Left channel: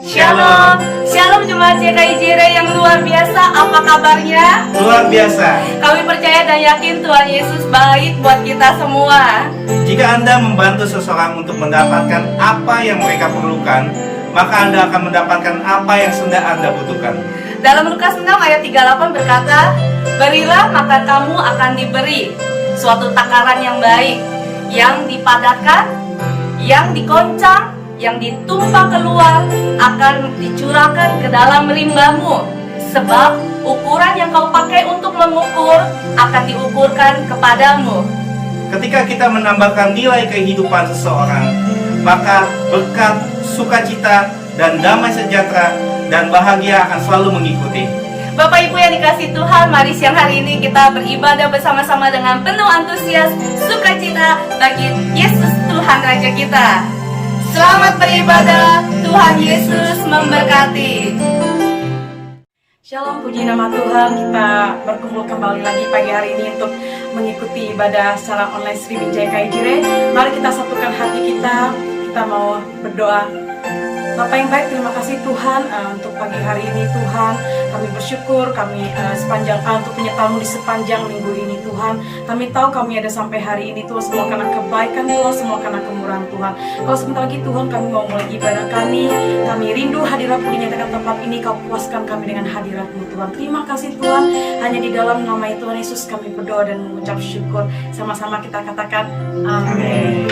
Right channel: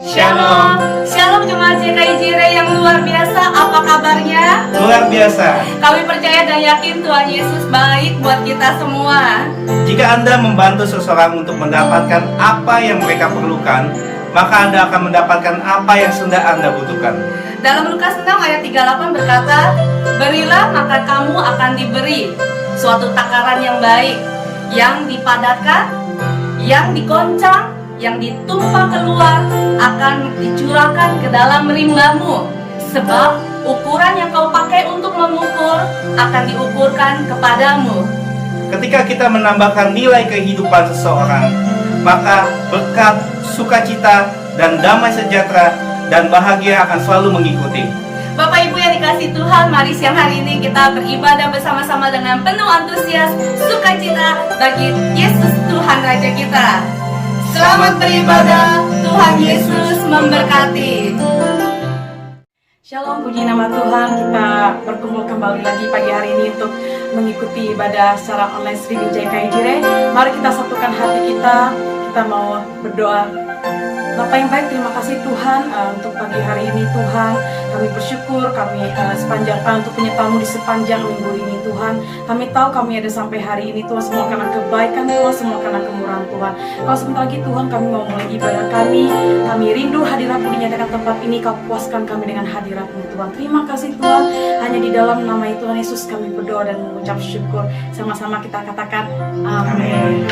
Shalom, Shalom Jemaat GKI Jire yang luar biasa, apa kabarnya? Luar biasa. Kami percaya dan yakin Tuhan Yesus baik buat kita semua. Jika Anda membantu seseorang untuk mendapatkan apa yang mereka perlukan, maka Anda akan mendapatkan apa yang sedang Anda butuhkan. Dalam Lukas 6 ayat 38 berkata, berilah maka kamu akan diberi suatu takaran yang baik, yang dipadatkan, yang dikoncang, yang ditumpah keluar akan dicurahkan ke dalam rimbamu. Sebab ukuran yang kau pakai untuk mengukur akan diukurkan kepadamu. Ketika kita menambahkan nilai kehidupan seseorang, maka berkat, sukacita, dan damai sejahtera dan bahagia akan selalu mengikuti. Bapak Ibu yang dikasihi Tuhan, mari siang hari ini kita beribadah bersama-sama dengan penuh antusias, sukacita bagi Yesus Tuhan Raja kita. Selamat beribadah, Tuhan Yesus memberkati. Shalom, puji nama Tuhan. Kita berkumpul kembali lagi pagi hari ini untuk mengikuti ibadah secara online streaming GKI Jire. Mari kita satukan hati kita mau berdoa. Bapak yang baik, terima kasih Tuhan untuk pagi hari ini Tuhan. Kami bersyukur sepanjang untuk penyertaan-Mu di sepanjang minggu ini Tuhan. Kami tahu kami ada sampai hari ini Tuhan, semua karena kebaikan Tuhan, semua karena kemurahan Tuhan. Kalau sebentar lagi Tuhan kami mau mulai ibadah kami rindu hadirat-Mu dinyatakan tempat ini. Kau puaskan kami dengan hadirat-Mu Tuhan. Terima kasih Tuhan, hanya di dalam nama Tuhan Yesus kami berdoa dan mengucap syukur. Sama-sama kita katakan amin.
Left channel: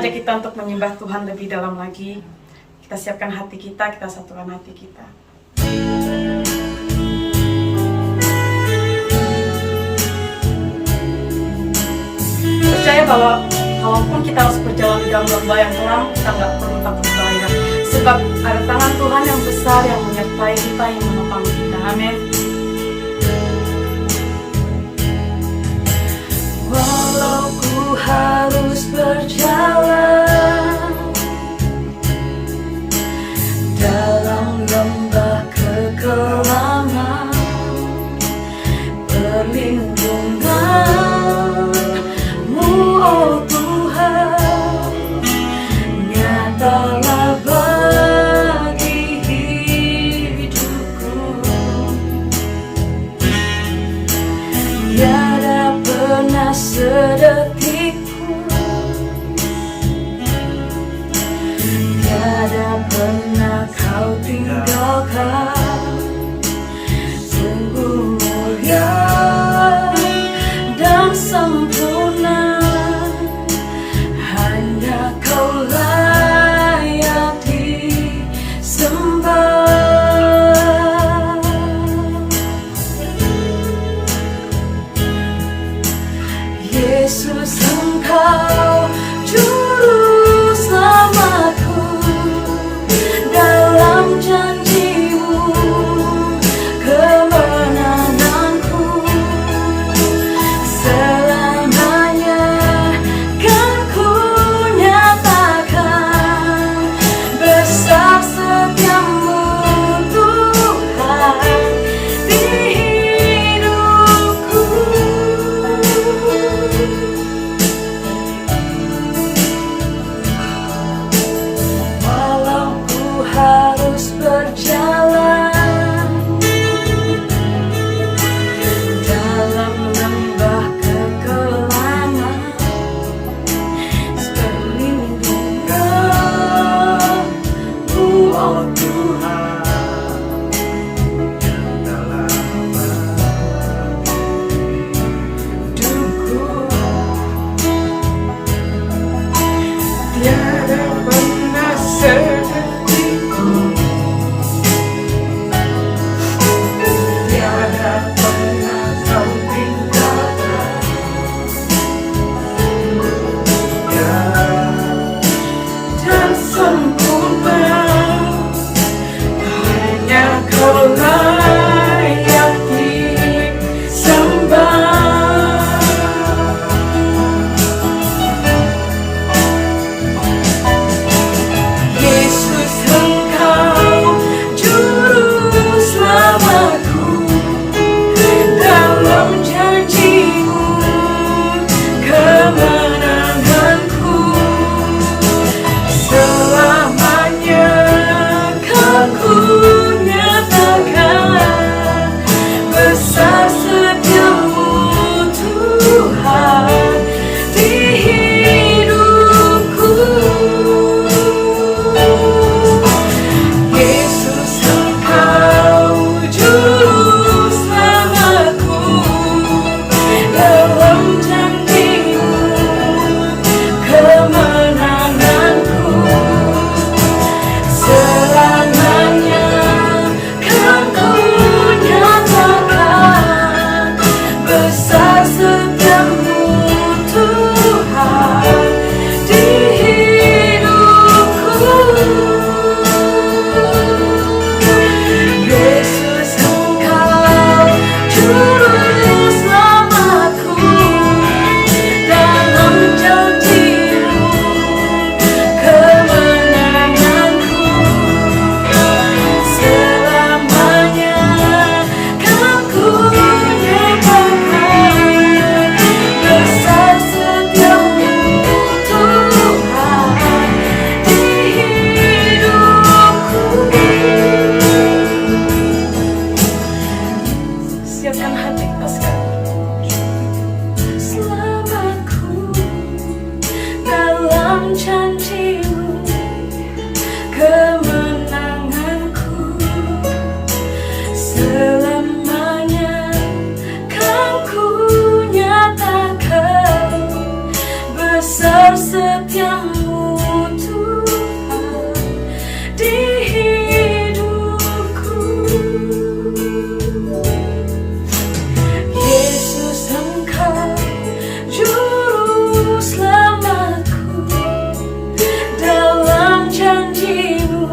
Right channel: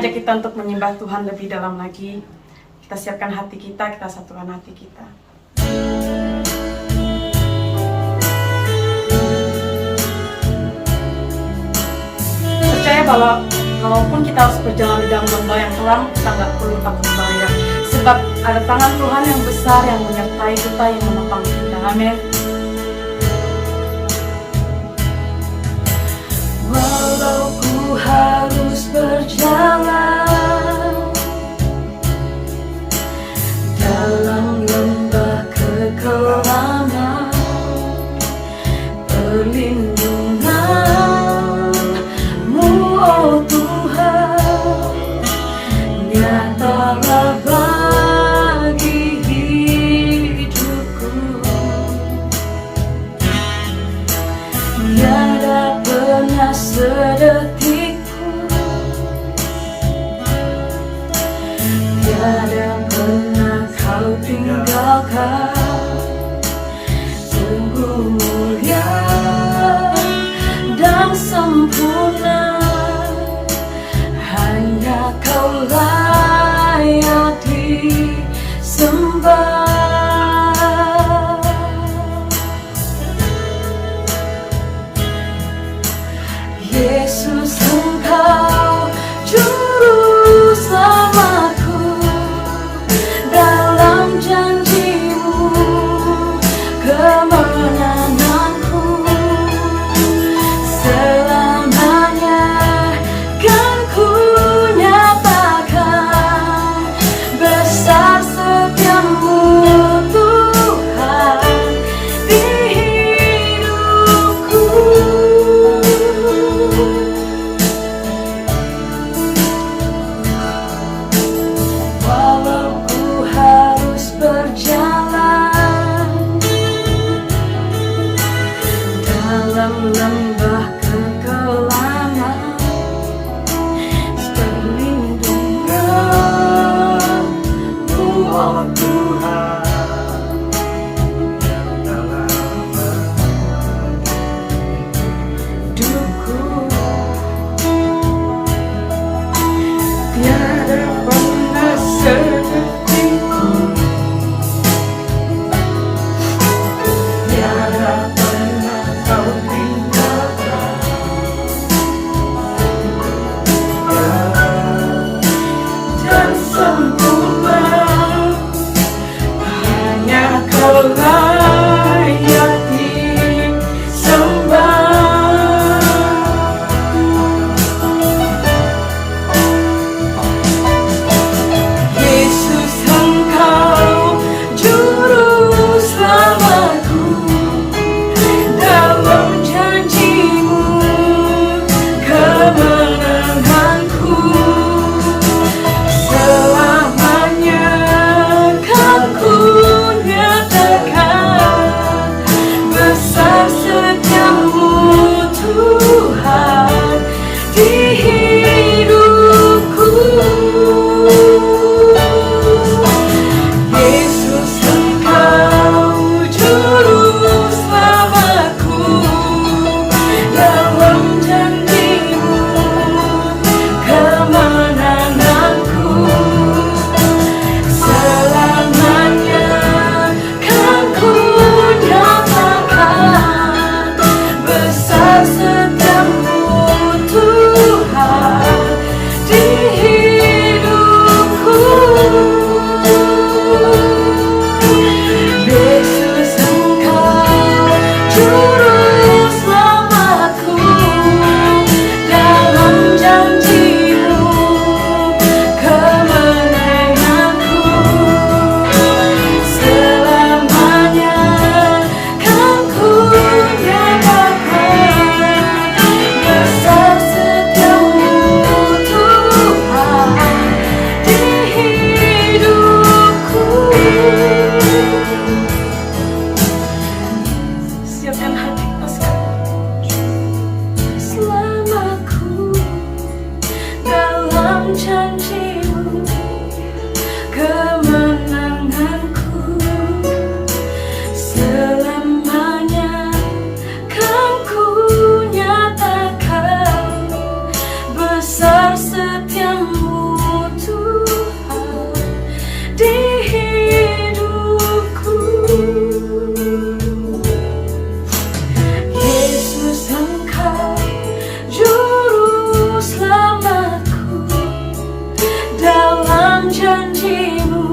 Kita untuk menyembah Tuhan lebih dalam lagi. Kita siapkan hati kita satukan hati kita. Percaya bahwa walaupun kita harus berjalan di dalam lembah yang kelam, kita nggak perlu takut bahaya. Sebab ada tangan Tuhan yang besar yang menyertai kita, yang menopang kita. Amin. Walau ku harus berjalan dalam lembah kekelaman, perlindungan-Mu, oh Tuhan, tiada pernah kau tinggalkan. Sungguh mulia dan sempurna, hanya kau layak disembah. Yesus, Engkau juru selamatku, dalam janji-Mu kemenanganku. Selamanya kan ku nyatakan besar setiamu Tuhan di hidupku. Walau ku harus berjalan dalam lembah kekelaman, perlindungan-Mu, oh Tuhan. Hidupku tiada pernah sedetikku, tiada pernah kau tinggalkan. Dan sempurna, hanya kau layak disembah. Yesus, Engkau juru selamatku, dalam janji-Mu kemenanganku. Selamanya kan ku nyatakan besar setiamu Tuhan di hidupku. Yesus, Engkau juru selamatku, dalam janji-Mu kemenanganku. Selamanya kan ku nyatakan besar setiamu Tuhan di hidupku. Yesus, Engkau juru selamatku, dalam janji-Mu kemenanganku. Selamanya kan ku nyatakan besar setiamu Tuhan di hidupku. Siapkan hati kita sekarang. Selamatku, dalam janji-Mu kemenanganku. Selamanya kan ku nyatakan besar setiamu Tuhan di hidupku. Yesus, Engkau juru selamatku, dalam janji-Mu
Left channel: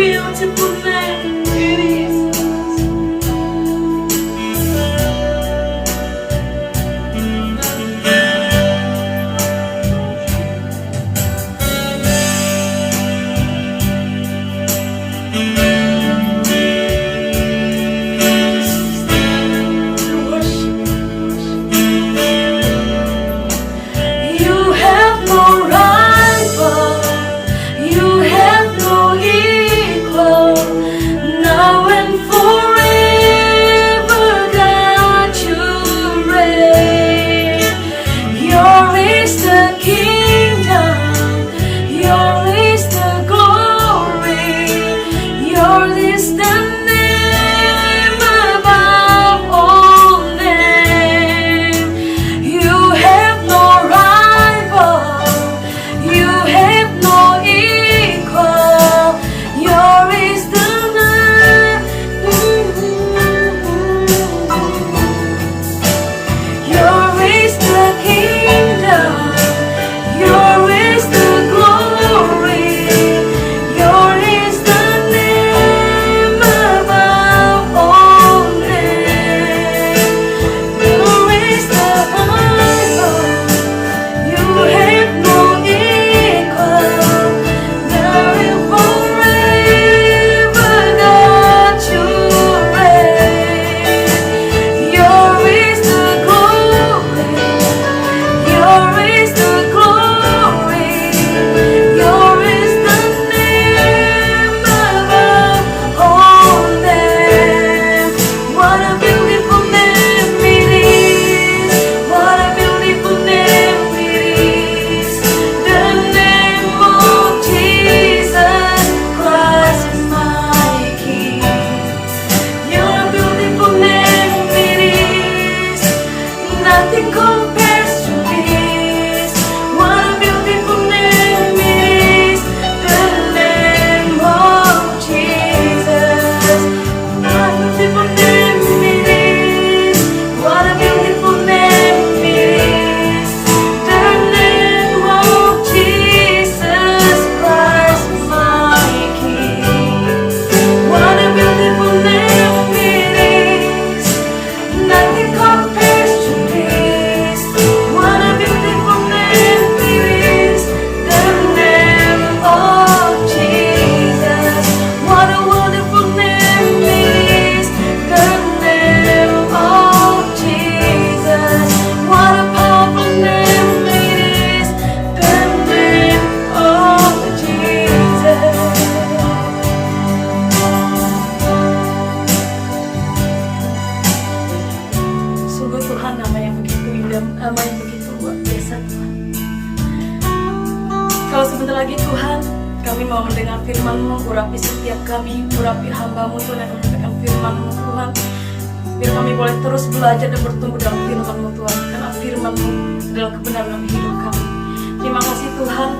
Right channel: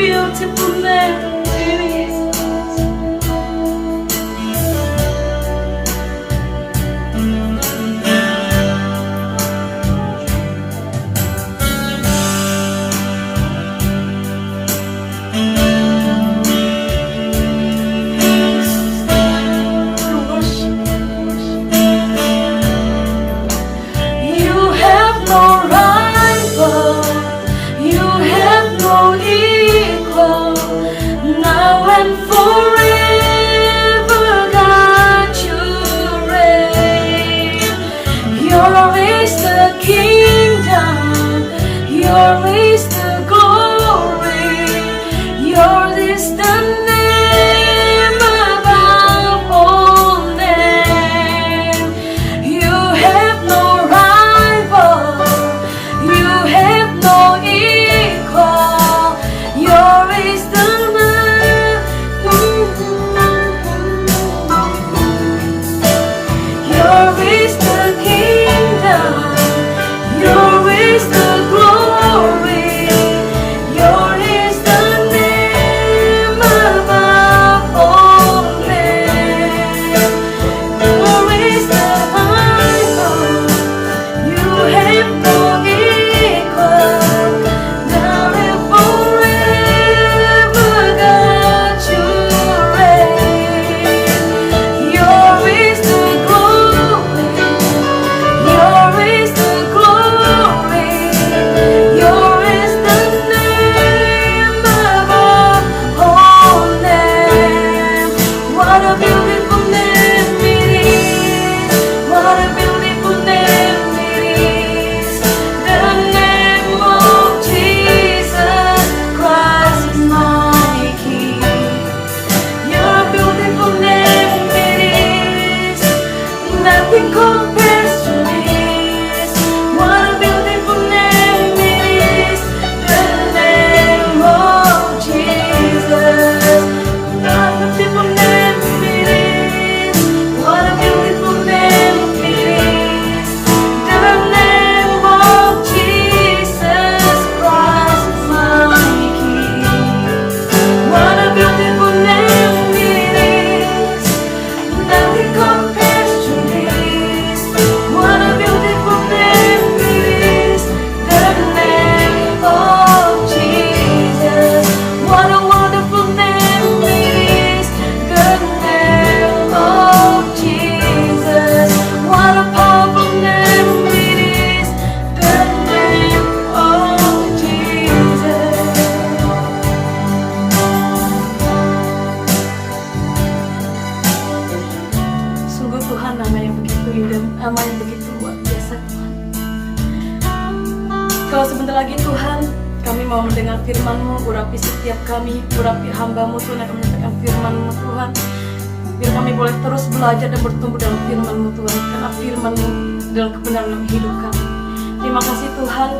beautiful name it is. You have no rival, you have no equal, now and forever, God, you reign. Yours is the kingdom, yours is the glory, yours is the name above all names. You have no rival, you have no equal, yours is the name. Yours is the kingdom, yours is the glory, yours is the name above all names. Yours is the rival, you have no equal, now and forever, God, you reign. Yours is the glory, yours is the glory, yours is the name above all names. What a beautiful name it is, what a beautiful name it is, the name of Jesus Christ my King. Your beautiful name it is, nothing compares to this. What a beautiful name it is, the name of Jesus. What a beautiful name it is, what a beautiful name it is, the name of Jesus Christ my King. What a beautiful name it is, nothing compares to this. What a beautiful name it is, the name of Jesus. What a wonderful name it is, the name of Jesus. What a powerful name it is, the name of Jesus. Sungguh Tuhan, nama yang begitu indah, nama yang begitu luar biasa Tuhan. Kalau sebentar lagi Tuhan, kami mau mendengar firman-Mu, urapi setiap kami, urapi hamba-Mu Tuhan yang menyampaikan firman-Mu Tuhan. Biar kami boleh terus belajar dan bertumbuh dalam firman-Mu Tuhan, karena firman-Mu adalah kebenaran dalam hidup kami. Terima kasih Tuhan,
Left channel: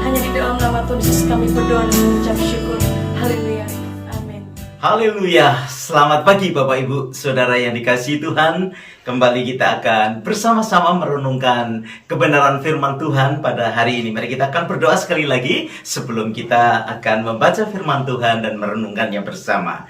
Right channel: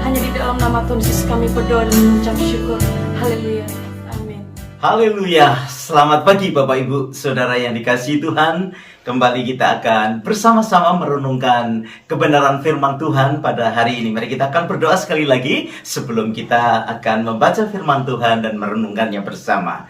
hanya di dalam nama Tuhan Yesus kami berdoa dan mengucap syukur. Haleluya. Amin. Haleluya, selamat pagi Bapak Ibu Saudara yang dikasihi Tuhan. Kembali kita akan bersama-sama merenungkan kebenaran firman Tuhan pada hari ini. Mari kita akan berdoa sekali lagi sebelum kita akan membaca firman Tuhan dan merenungkannya bersama.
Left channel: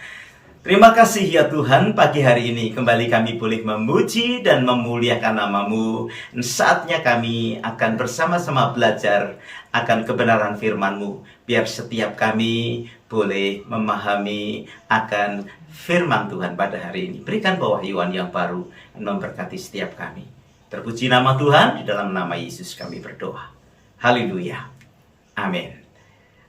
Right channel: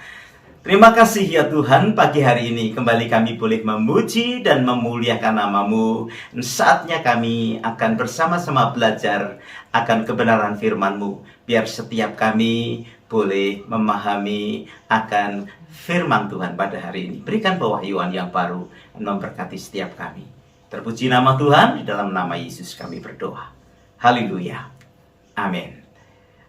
Terima kasih ya Tuhan, pagi hari ini kembali kami boleh memuji dan memuliakan nama-Mu. Saatnya kami akan bersama-sama belajar akan kebenaran firman-Mu. Biar setiap kami boleh memahami akan firman Tuhan pada hari ini. Berikan pewahyuan yang baru dan memberkati setiap kami. Terpuji nama Tuhan, di dalam nama Yesus kami berdoa. Haleluya. Amin.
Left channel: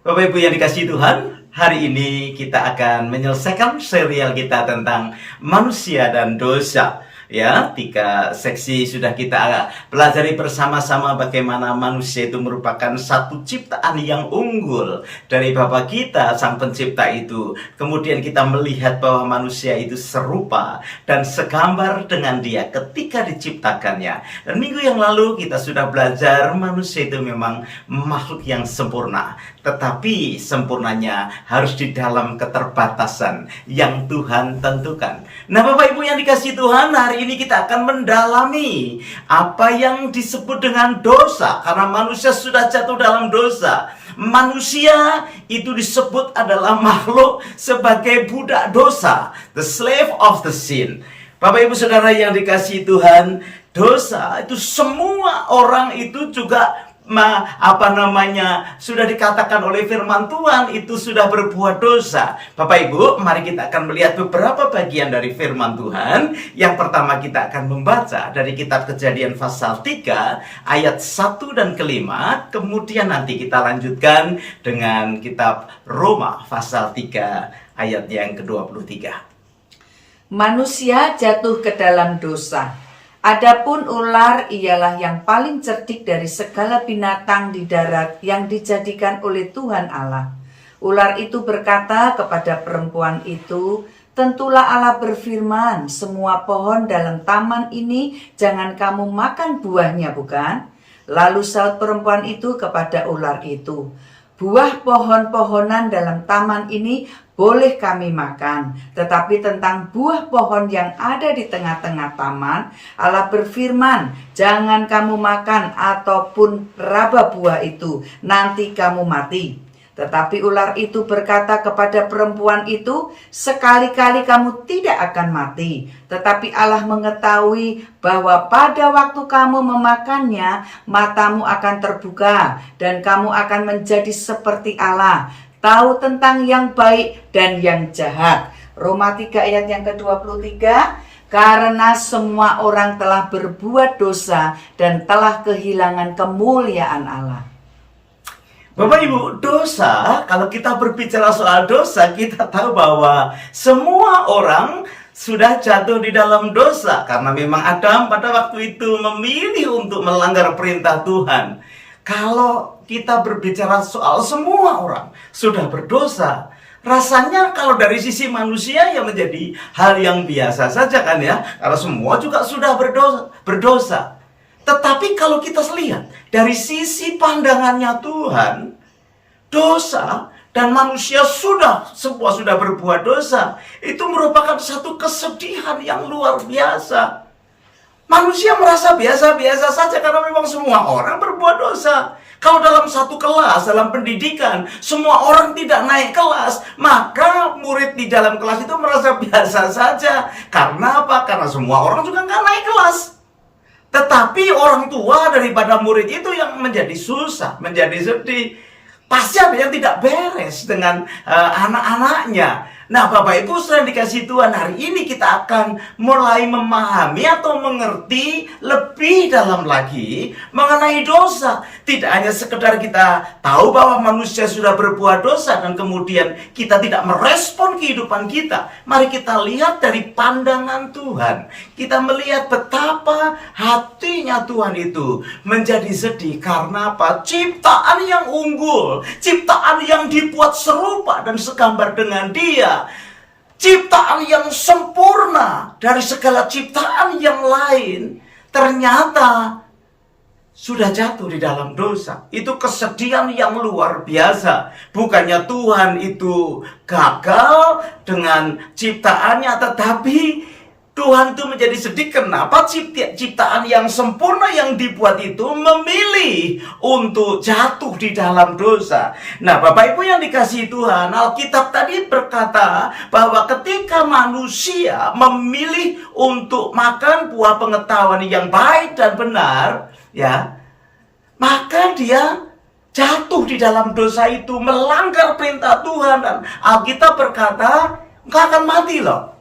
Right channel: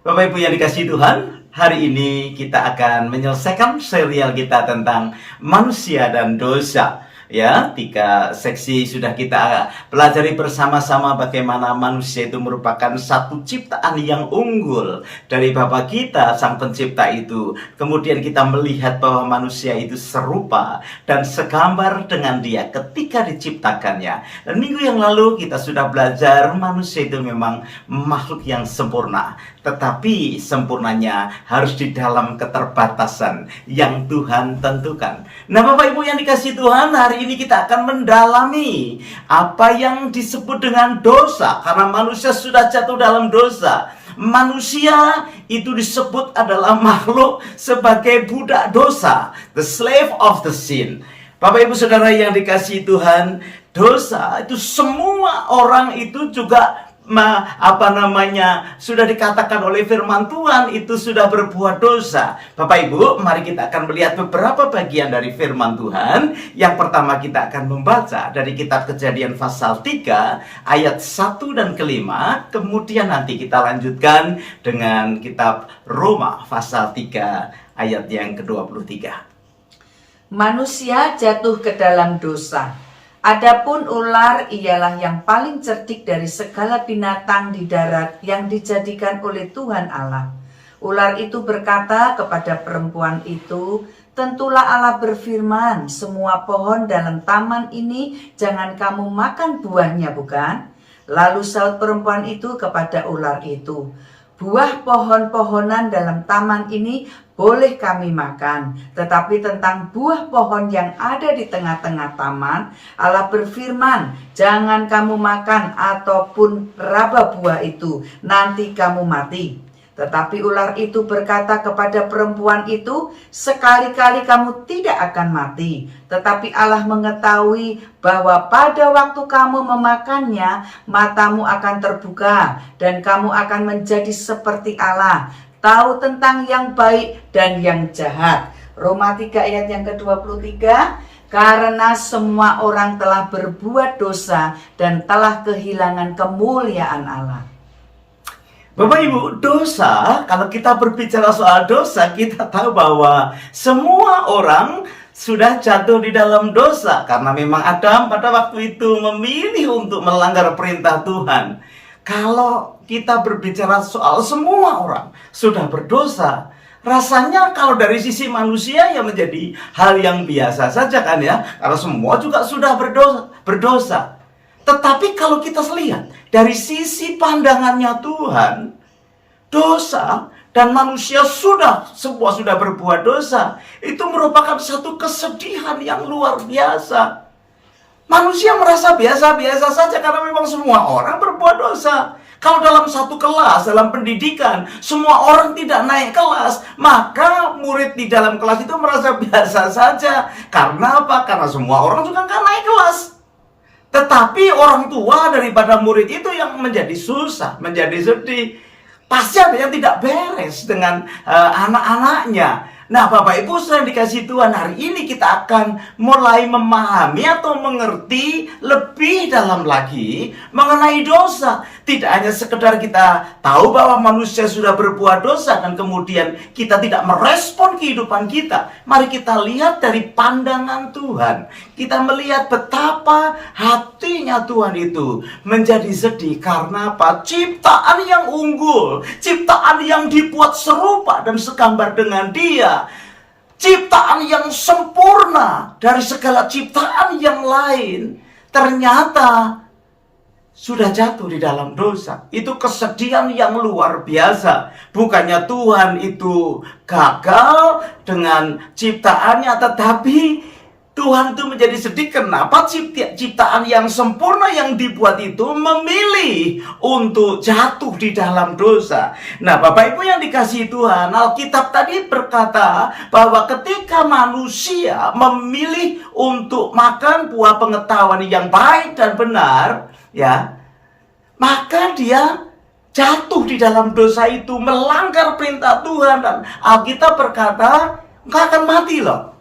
Bapak Ibu yang dikasihi Tuhan, hari ini kita akan menyelesaikan serial kita tentang manusia dan dosa. Ya, 3 seksi sudah kita pelajari bersama-sama bagaimana manusia itu merupakan satu ciptaan yang unggul dari Bapa kita, Sang Pencipta itu. Kemudian kita melihat bahwa manusia itu serupa dan segambar dengan Dia ketika diciptakannya. Dan minggu yang lalu kita sudah belajar manusia itu memang makhluk yang sempurna. tetapi sempurnanya harus di dalam keterbatasan yang Tuhan tentukan. Nah, Bapak Ibu yang dikasihi Tuhan, hari ini kita akan mendalami apa yang disebut dengan dosa, karena manusia sudah jatuh dalam dosa. Manusia itu disebut adalah makhluk sebagai budak dosa, the slave of the sin. Bapak Ibu Saudara yang dikasihi Tuhan, dosa itu semua orang itu juga sudah dikatakan oleh firman Tuhan itu sudah berbuat dosa. Bapak Ibu, mari kita akan melihat beberapa bagian dari firman Tuhan. Yang pertama kita akan membaca dari kitab Kejadian pasal 3 ayat 1 dan kelima. Kemudian nanti kita lanjutkan dengan kitab Roma pasal 3 ayat yang ke-23. Manusia jatuh ke dalam dosa. Adapun ular ialah yang paling cerdik dari segala binatang di darat yang dijadikan oleh Tuhan Allah. Ular itu berkata kepada perempuan itu, "Tentulah Allah berfirman, semua pohon dalam taman ini jangan kamu makan buahnya, bukan?" Lalu saut perempuan itu kepada ular itu, "Buah pohon-pohonan dalam taman ini boleh kami makan, tetapi tentang buah pohon yang ada di tengah-tengah taman, Allah berfirman, jangan kamu makan ataupun raba buah itu, nanti kamu mati." Tetapi ular itu berkata kepada perempuan itu, "Sekali-kali kamu tidak akan mati, tetapi Allah mengetahui bahwa pada waktu kamu memakannya, matamu akan terbuka dan kamu akan menjadi seperti Allah, tahu tentang yang baik dan yang jahat." Roma 3 ayat yang ke-23, karena semua orang telah berbuat dosa dan telah kehilangan kemuliaan Allah. Bapak Ibu, dosa, kalau kita berbicara soal dosa, kita tahu bahwa semua orang sudah jatuh di dalam dosa. Karena memang Adam pada waktu itu memilih untuk melanggar perintah Tuhan. Kalau kita berbicara soal semua orang sudah berdosa, rasanya kalau dari sisi manusia ya menjadi hal yang biasa saja kan ya. Kalau semua juga sudah berdosa. Tetapi kalau kita lihat dari sisi pandangannya Tuhan, dosa dan manusia semua sudah berbuat dosa, itu merupakan satu kesedihan yang luar biasa. Manusia merasa biasa-biasa saja karena memang semua orang berbuat dosa. Kalau dalam satu kelas, dalam pendidikan, semua orang tidak naik kelas, maka murid di dalam kelas itu merasa biasa saja. Karena apa? Karena semua orang juga nggak naik kelas. Tetapi orang tua daripada murid itu yang menjadi susah, menjadi sedih. Pasti ada yang tidak beres dengan anak-anaknya. Nah, Bapak Ibu sudah dikasih Tuhan, hari ini kita akan mulai memahami atau mengerti lebih dalam lagi mengenai dosa. Tidak hanya sekedar kita tahu bahwa manusia sudah berbuat dosa dan kemudian kita tidak merespon kehidupan kita. Mari kita lihat dari pandangan Tuhan. Kita melihat betapa hatinya Tuhan itu menjadi sedih karena apa? Ciptaan yang unggul, ciptaan yang dibuat serupa dan segambar dengan Dia. Ciptaan yang sempurna dari segala ciptaan yang lain ternyata sudah jatuh di dalam dosa. Itu kesedihan yang luar biasa. Bukannya Tuhan itu gagal dengan ciptaannya, tetapi Tuhan itu menjadi sedih kenapa ciptaan yang sempurna yang dibuat itu memilih untuk jatuh di dalam dosa. Nah, Bapak Ibu yang dikasihi Tuhan, Alkitab tadi berkata bahwa ketika manusia memilih untuk makan buah pengetahuan yang baik dan benar, ya, maka dia jatuh di dalam dosa itu, melanggar perintah Tuhan. Dan Alkitab berkata, engkau akan mati loh,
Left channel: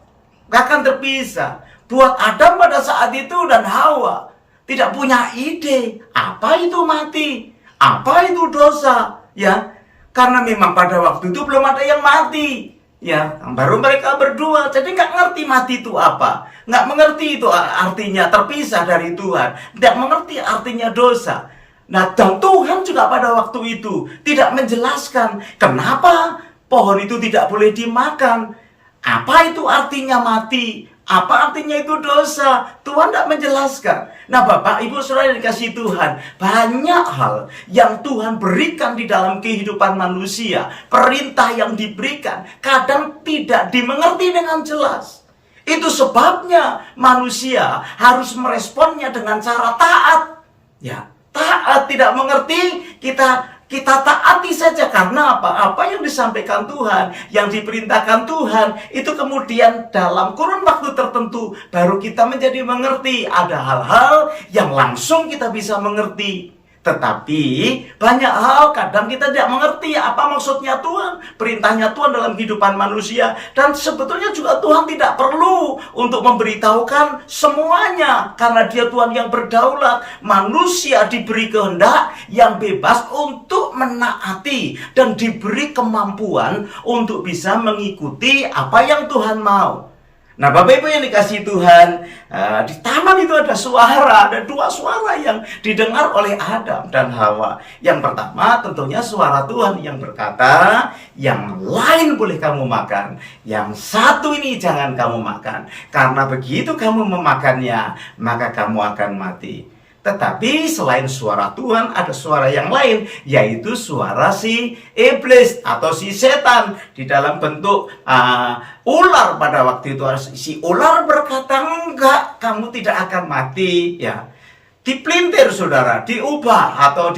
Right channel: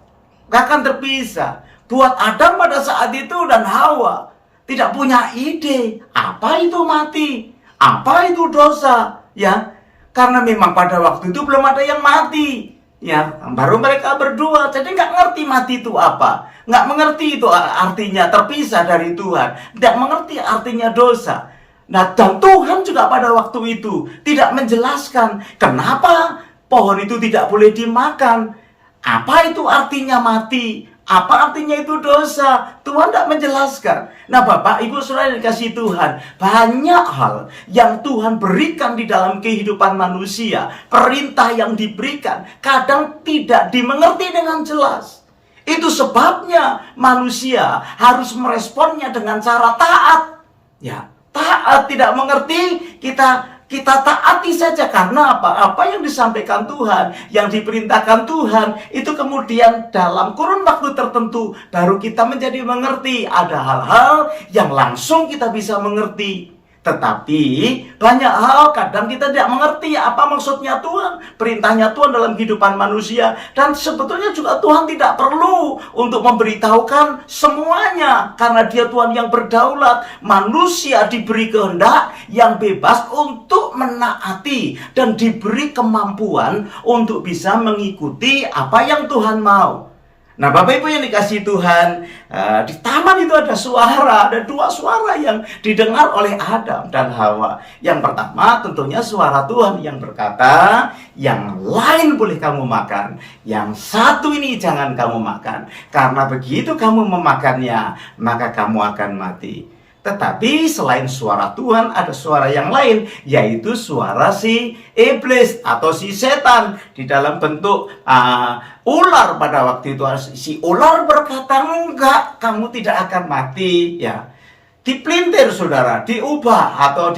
gak akan terpisah. Buat Adam pada saat itu dan Hawa tidak punya ide apa itu mati, apa itu dosa, ya. Karena memang pada waktu itu belum ada yang mati, ya. Baru mereka berdua, jadi nggak ngerti mati itu apa, nggak mengerti itu artinya terpisah dari Tuhan, tidak mengerti artinya dosa. Nah, dan Tuhan juga pada waktu itu tidak menjelaskan kenapa pohon itu tidak boleh dimakan. Apa itu artinya mati? Apa artinya itu dosa? Tuhan tidak menjelaskan. Nah, Bapak, Ibu, Saudara yang dikasihi Tuhan, banyak hal yang Tuhan berikan di dalam kehidupan manusia. Perintah yang diberikan kadang tidak dimengerti dengan jelas. Itu sebabnya manusia harus meresponnya dengan cara taat. Ya, taat, tidak mengerti, kita taati saja. Karena apa? Apa yang disampaikan Tuhan, yang diperintahkan Tuhan, itu kemudian dalam kurun waktu tertentu baru kita menjadi mengerti. Ada hal-hal yang langsung kita bisa mengerti. Tetapi banyak hal kadang kita tidak mengerti apa maksudnya Tuhan, perintahnya Tuhan dalam kehidupan manusia. Dan sebetulnya juga Tuhan tidak perlu untuk memberitahukan semuanya, karena Dia Tuhan yang berdaulat. Manusia diberi kehendak yang bebas untuk menaati dan diberi kemampuan untuk bisa mengikuti apa yang Tuhan mau. Nah, Bapak Ibu yang dikasihi Tuhan, di taman itu ada dua suara yang didengar oleh Adam dan Hawa. Yang pertama tentunya suara Tuhan yang berkata, yang lain boleh kamu makan, yang satu ini jangan kamu makan, karena begitu kamu memakannya, maka kamu akan mati. Tetapi selain suara Tuhan, ada suara yang lain, yaitu suara si iblis atau si setan di dalam bentuk ular. Pada waktu itu si ular berkata, enggak, kamu tidak akan mati. Ya, dipelintir saudara, diubah atau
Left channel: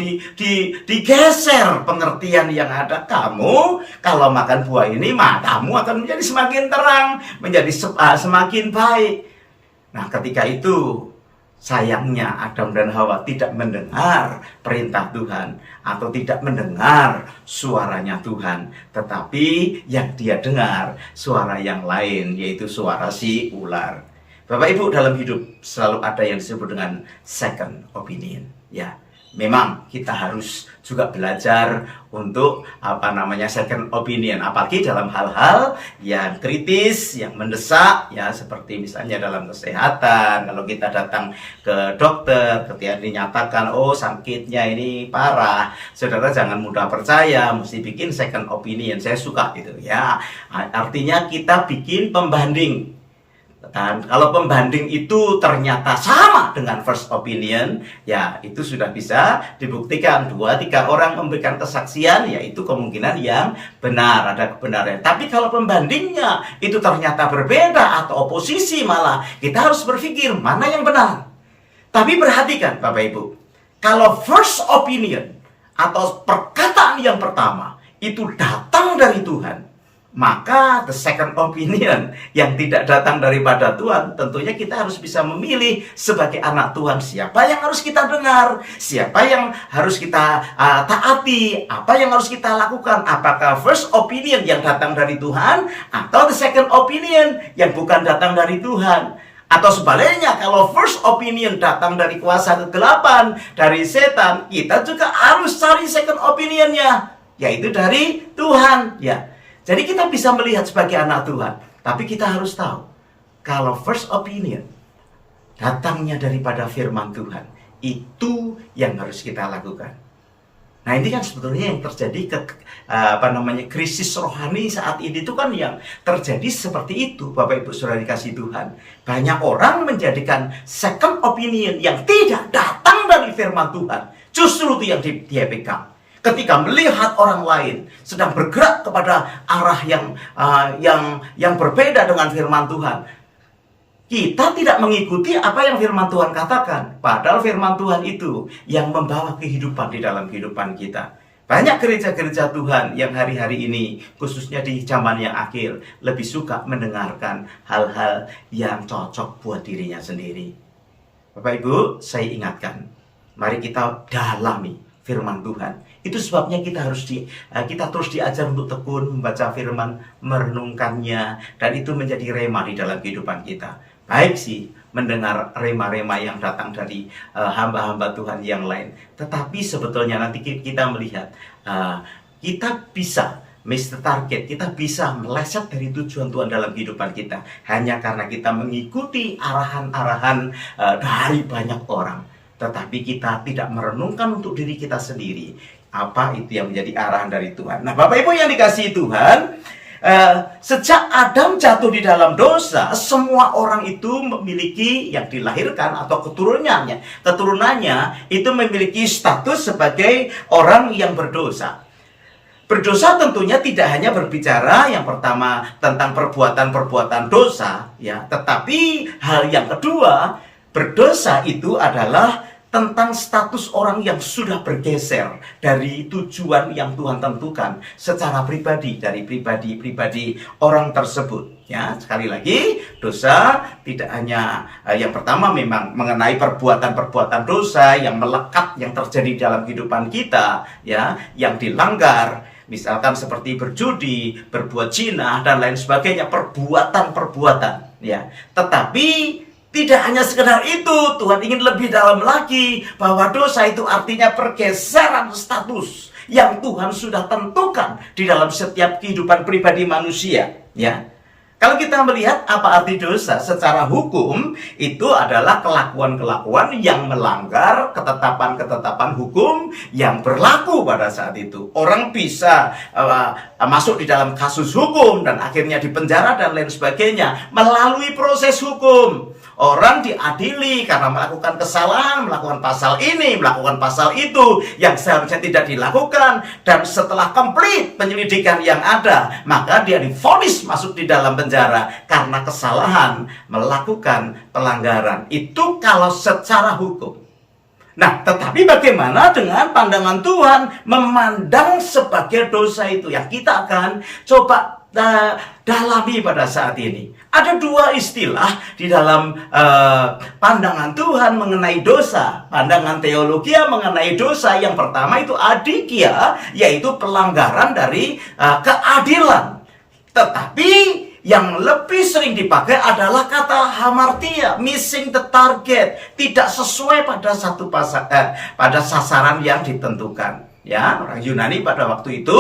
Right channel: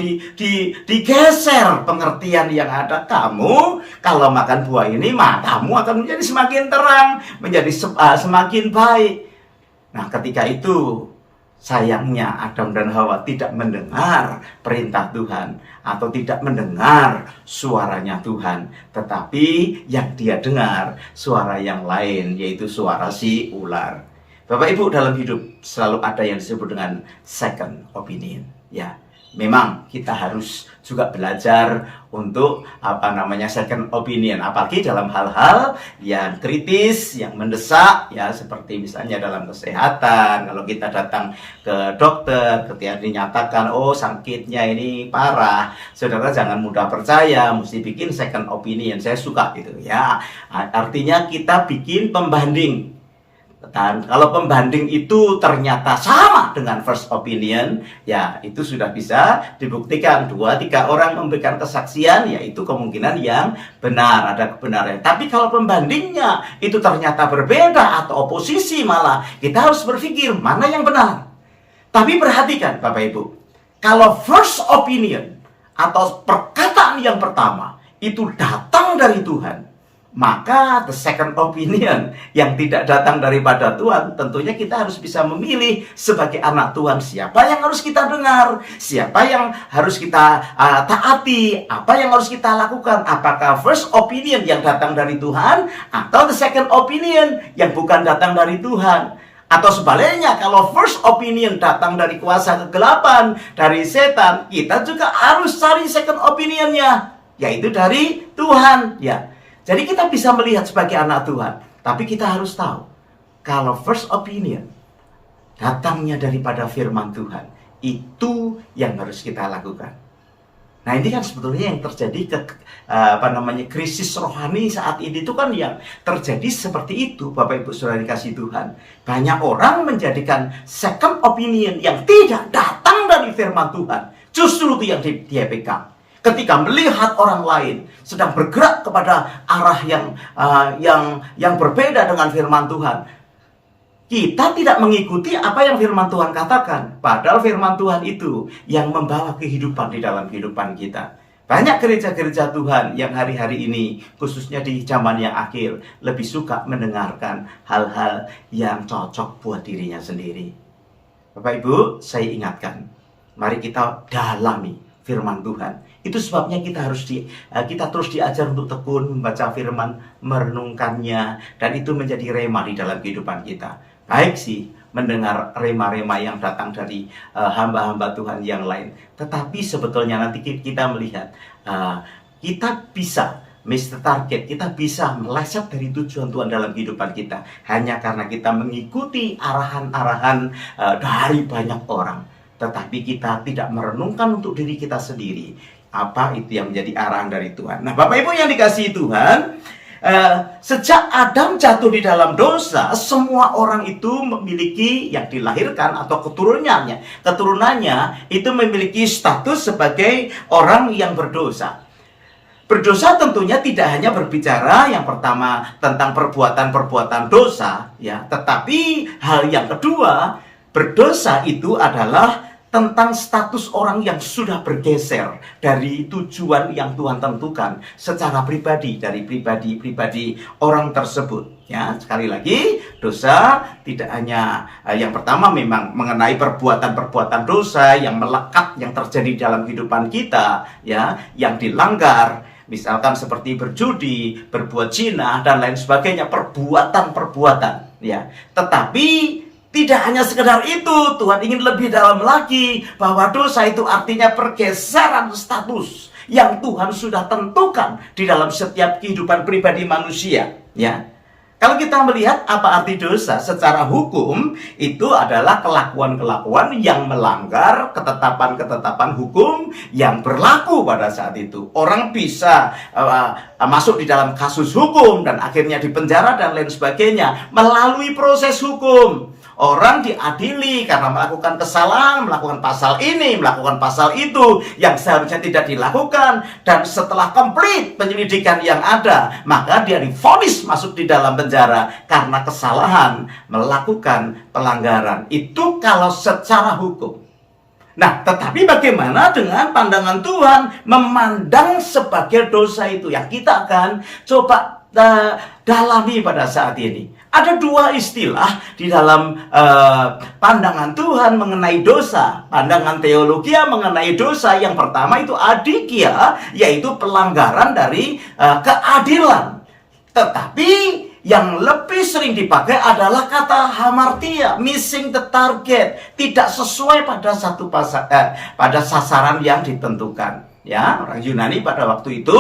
digeser pengertian yang ada. Kamu kalau makan buah ini, matamu akan menjadi semakin terang, menjadi semakin baik. Nah, ketika itu sayangnya Adam dan Hawa tidak mendengar perintah Tuhan atau tidak mendengar suaranya Tuhan, tetapi yang dia dengar suara yang lain, yaitu suara si ular. Bapak Ibu, dalam hidup selalu ada yang disebut dengan second opinion. Ya, memang kita harus juga belajar untuk second opinion, apalagi dalam hal-hal yang kritis, yang mendesak, ya, seperti misalnya dalam kesehatan. Kalau kita datang ke dokter, ketika dinyatakan sakitnya ini parah, saudara jangan mudah percaya, mesti bikin second opinion. Saya suka itu, ya. Artinya kita bikin pembanding. Dan kalau pembanding itu ternyata sama dengan first opinion, ya itu sudah bisa dibuktikan. 2-3 orang memberikan kesaksian, ya itu kemungkinan yang benar, ada kebenaran. Tapi kalau pembandingnya itu ternyata berbeda atau oposisi, malah kita harus berpikir mana yang benar. Tapi perhatikan Bapak Ibu, kalau first opinion atau perkataan yang pertama itu datang dari Tuhan, maka the second opinion yang tidak datang daripada Tuhan, tentunya kita harus bisa memilih sebagai anak Tuhan siapa yang harus kita dengar, siapa yang harus kita taati, apa yang harus kita lakukan. Apakah first opinion yang datang dari Tuhan atau the second opinion yang bukan datang dari Tuhan. Atau sebaliknya, kalau first opinion datang dari kuasa kegelapan, dari setan, kita juga harus cari second opinionnya, yaitu dari Tuhan, ya. Jadi kita bisa melihat sebagai anak Tuhan, tapi kita harus tahu kalau first opinion datangnya daripada firman Tuhan, itu yang harus kita lakukan. Nah, ini kan sebetulnya yang terjadi krisis rohani saat ini itu kan yang terjadi seperti itu, Bapak Ibu Saudara dikasihi Tuhan. Banyak orang menjadikan second opinion yang tidak datang dari firman Tuhan, justru itu yang dia pegang. Ketika melihat orang lain sedang bergerak kepada arah yang berbeda dengan firman Tuhan, kita tidak mengikuti apa yang firman Tuhan katakan. Padahal firman Tuhan itu yang membawa kehidupan di dalam kehidupan kita. Banyak gereja-gereja Tuhan yang hari-hari ini, khususnya di zaman yang akhir, lebih suka mendengarkan hal-hal yang cocok buat dirinya sendiri. Bapak Ibu, saya ingatkan, mari kita dalami firman Tuhan. Itu sebabnya kita terus diajar untuk tekun membaca firman, merenungkannya, dan itu menjadi rema di dalam kehidupan kita. Baik sih mendengar rema-rema yang datang dari hamba-hamba Tuhan yang lain, tetapi sebetulnya nanti kita melihat kita bisa miss the target, kita bisa meleset dari tujuan Tuhan dalam kehidupan kita hanya karena kita mengikuti arahan-arahan dari banyak orang. Tetapi kita tidak merenungkan untuk diri kita sendiri, apa itu yang menjadi arahan dari Tuhan. Nah, Bapak Ibu yang dikasihi Tuhan, sejak Adam jatuh di dalam dosa, semua orang itu memiliki yang dilahirkan atau keturunannya itu memiliki status sebagai orang yang berdosa. Berdosa tentunya tidak hanya berbicara yang pertama tentang perbuatan-perbuatan dosa, ya, tetapi hal yang kedua, berdosa itu adalah tentang status orang yang sudah bergeser dari tujuan yang Tuhan tentukan secara pribadi, dari pribadi orang tersebut. Ya, sekali lagi, dosa tidak hanya yang pertama memang mengenai perbuatan-perbuatan dosa yang melekat yang terjadi dalam kehidupan kita, ya, yang dilanggar. Misalkan seperti berjudi, berbuat zina, dan lain sebagainya, perbuatan-perbuatan, ya. Tetapi tidak hanya sekedar itu, Tuhan ingin lebih dalam lagi, bahwa dosa itu artinya pergeseran status yang Tuhan sudah tentukan di dalam setiap kehidupan pribadi manusia, ya. Kalau kita melihat apa arti dosa secara hukum, itu adalah kelakuan-kelakuan yang melanggar ketetapan-ketetapan hukum yang berlaku pada saat itu. Orang bisa masuk di dalam kasus hukum dan akhirnya dipenjara dan lain sebagainya melalui proses hukum. Orang diadili karena melakukan kesalahan, melakukan pasal ini, melakukan pasal itu yang seharusnya tidak dilakukan. Dan setelah komplit penyelidikan yang ada, maka dia divonis masuk di dalam penjara karena kesalahan melakukan pelanggaran. Itu kalau secara hukum. Nah, tetapi bagaimana dengan pandangan Tuhan memandang sebagai dosa itu yang kita akan coba dalami pada saat ini. Ada dua istilah di dalam pandangan Tuhan mengenai dosa. Pandangan teologi mengenai dosa, yang pertama itu adikia, yaitu pelanggaran dari keadilan. Tetapi yang lebih sering dipakai adalah kata hamartia, missing the target, tidak sesuai pada pada sasaran yang ditentukan. Ya, orang Yunani pada waktu itu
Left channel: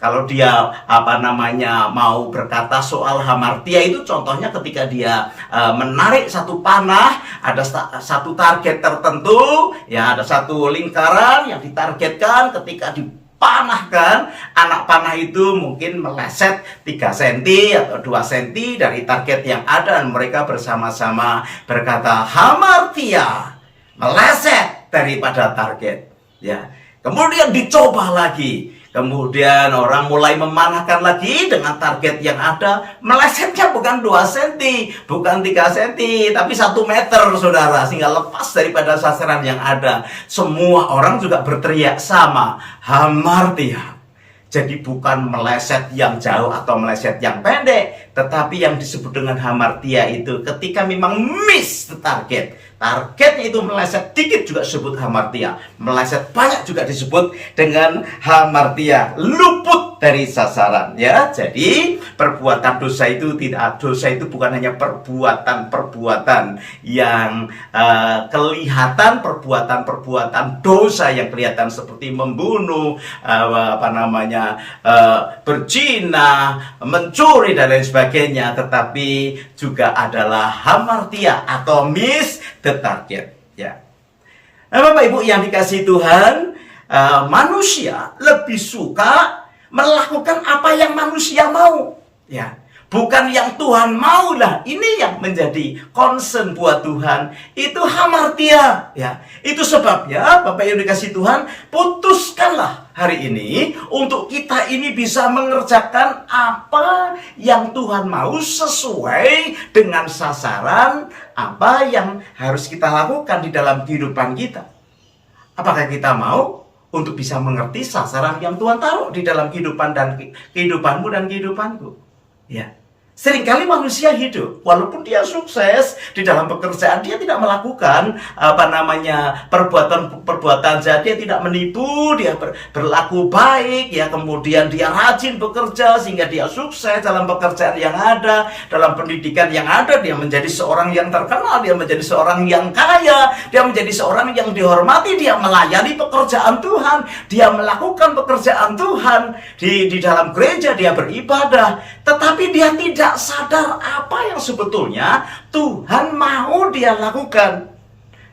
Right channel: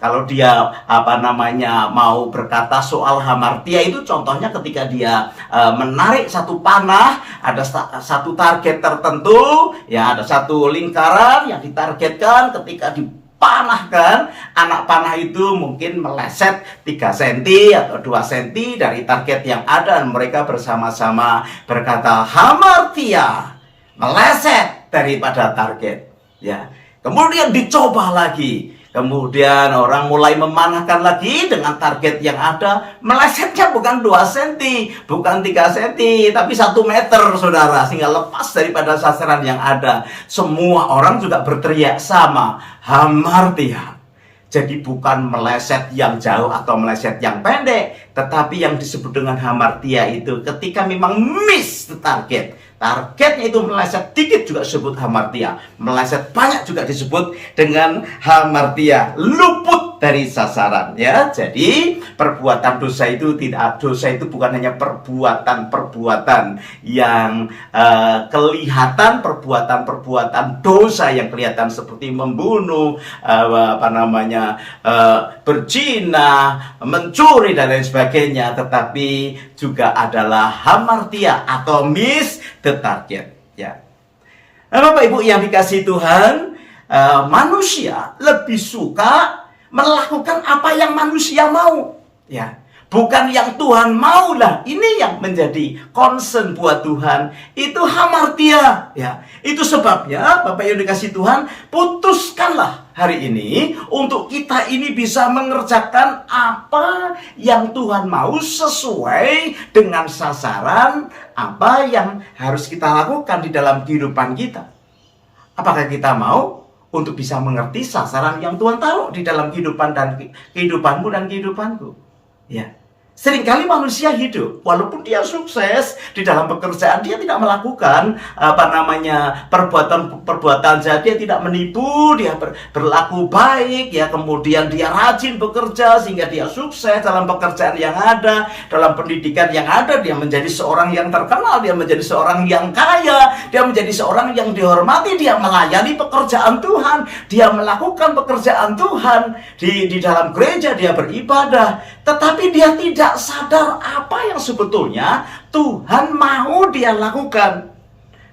kalau dia mau berkata soal hamartia itu, contohnya ketika dia menarik satu panah, ada satu target tertentu, ya, ada satu lingkaran yang ditargetkan. Ketika dipanahkan, anak panah itu mungkin meleset 3 cm atau 2 cm dari target yang ada, dan mereka bersama-sama berkata hamartia, meleset daripada target, ya. Kemudian dicoba lagi. Kemudian orang mulai memanahkan lagi dengan target yang ada. Melesetnya bukan 2 cm, bukan 3 cm, tapi 1 meter, saudara. Sehingga lepas daripada sasaran yang ada. Semua orang juga berteriak sama, hamartia. Jadi bukan meleset yang jauh atau meleset yang pendek, tetapi yang disebut dengan hamartia itu ketika memang miss the target. Targetnya itu meleset dikit juga disebut hamartia, meleset banyak juga disebut dengan hamartia, luput dari sasaran, ya. Jadi perbuatan dosa itu bukan hanya perbuatan-perbuatan yang kelihatan, perbuatan-perbuatan dosa yang kelihatan seperti membunuh, berzina, mencuri dan lain sebagainya, tetapi juga adalah hamartia atau miss the target, ya. Nah, Bapak Ibu yang dikasihi Tuhan, manusia lebih suka melakukan apa yang manusia mau, ya. Bukan yang Tuhan mau lah. Ini yang menjadi concern buat Tuhan. Itu hamartia, ya. Itu sebabnya Bapak yang dikasihi Tuhan, putuskanlah hari ini untuk kita ini bisa mengerjakan apa yang Tuhan mau sesuai dengan sasaran apa yang harus kita lakukan di dalam kehidupan kita. Apakah kita mau untuk bisa mengerti sasaran yang Tuhan taruh di dalam kehidupan dan kehidupanmu dan kehidupanku, ya. Seringkali manusia hidup, walaupun dia sukses di dalam pekerjaan, dia tidak melakukan perbuatan jahat, dia tidak menipu, dia berlaku baik, ya. Kemudian dia rajin bekerja sehingga dia sukses dalam pekerjaan yang ada, dalam pendidikan yang ada, dia menjadi seorang yang terkenal, dia menjadi seorang yang kaya, dia menjadi seorang yang dihormati, dia melayani pekerjaan Tuhan, dia melakukan pekerjaan Tuhan di dalam gereja, dia beribadah, tetapi dia tidak sadar apa yang sebetulnya Tuhan mau dia lakukan.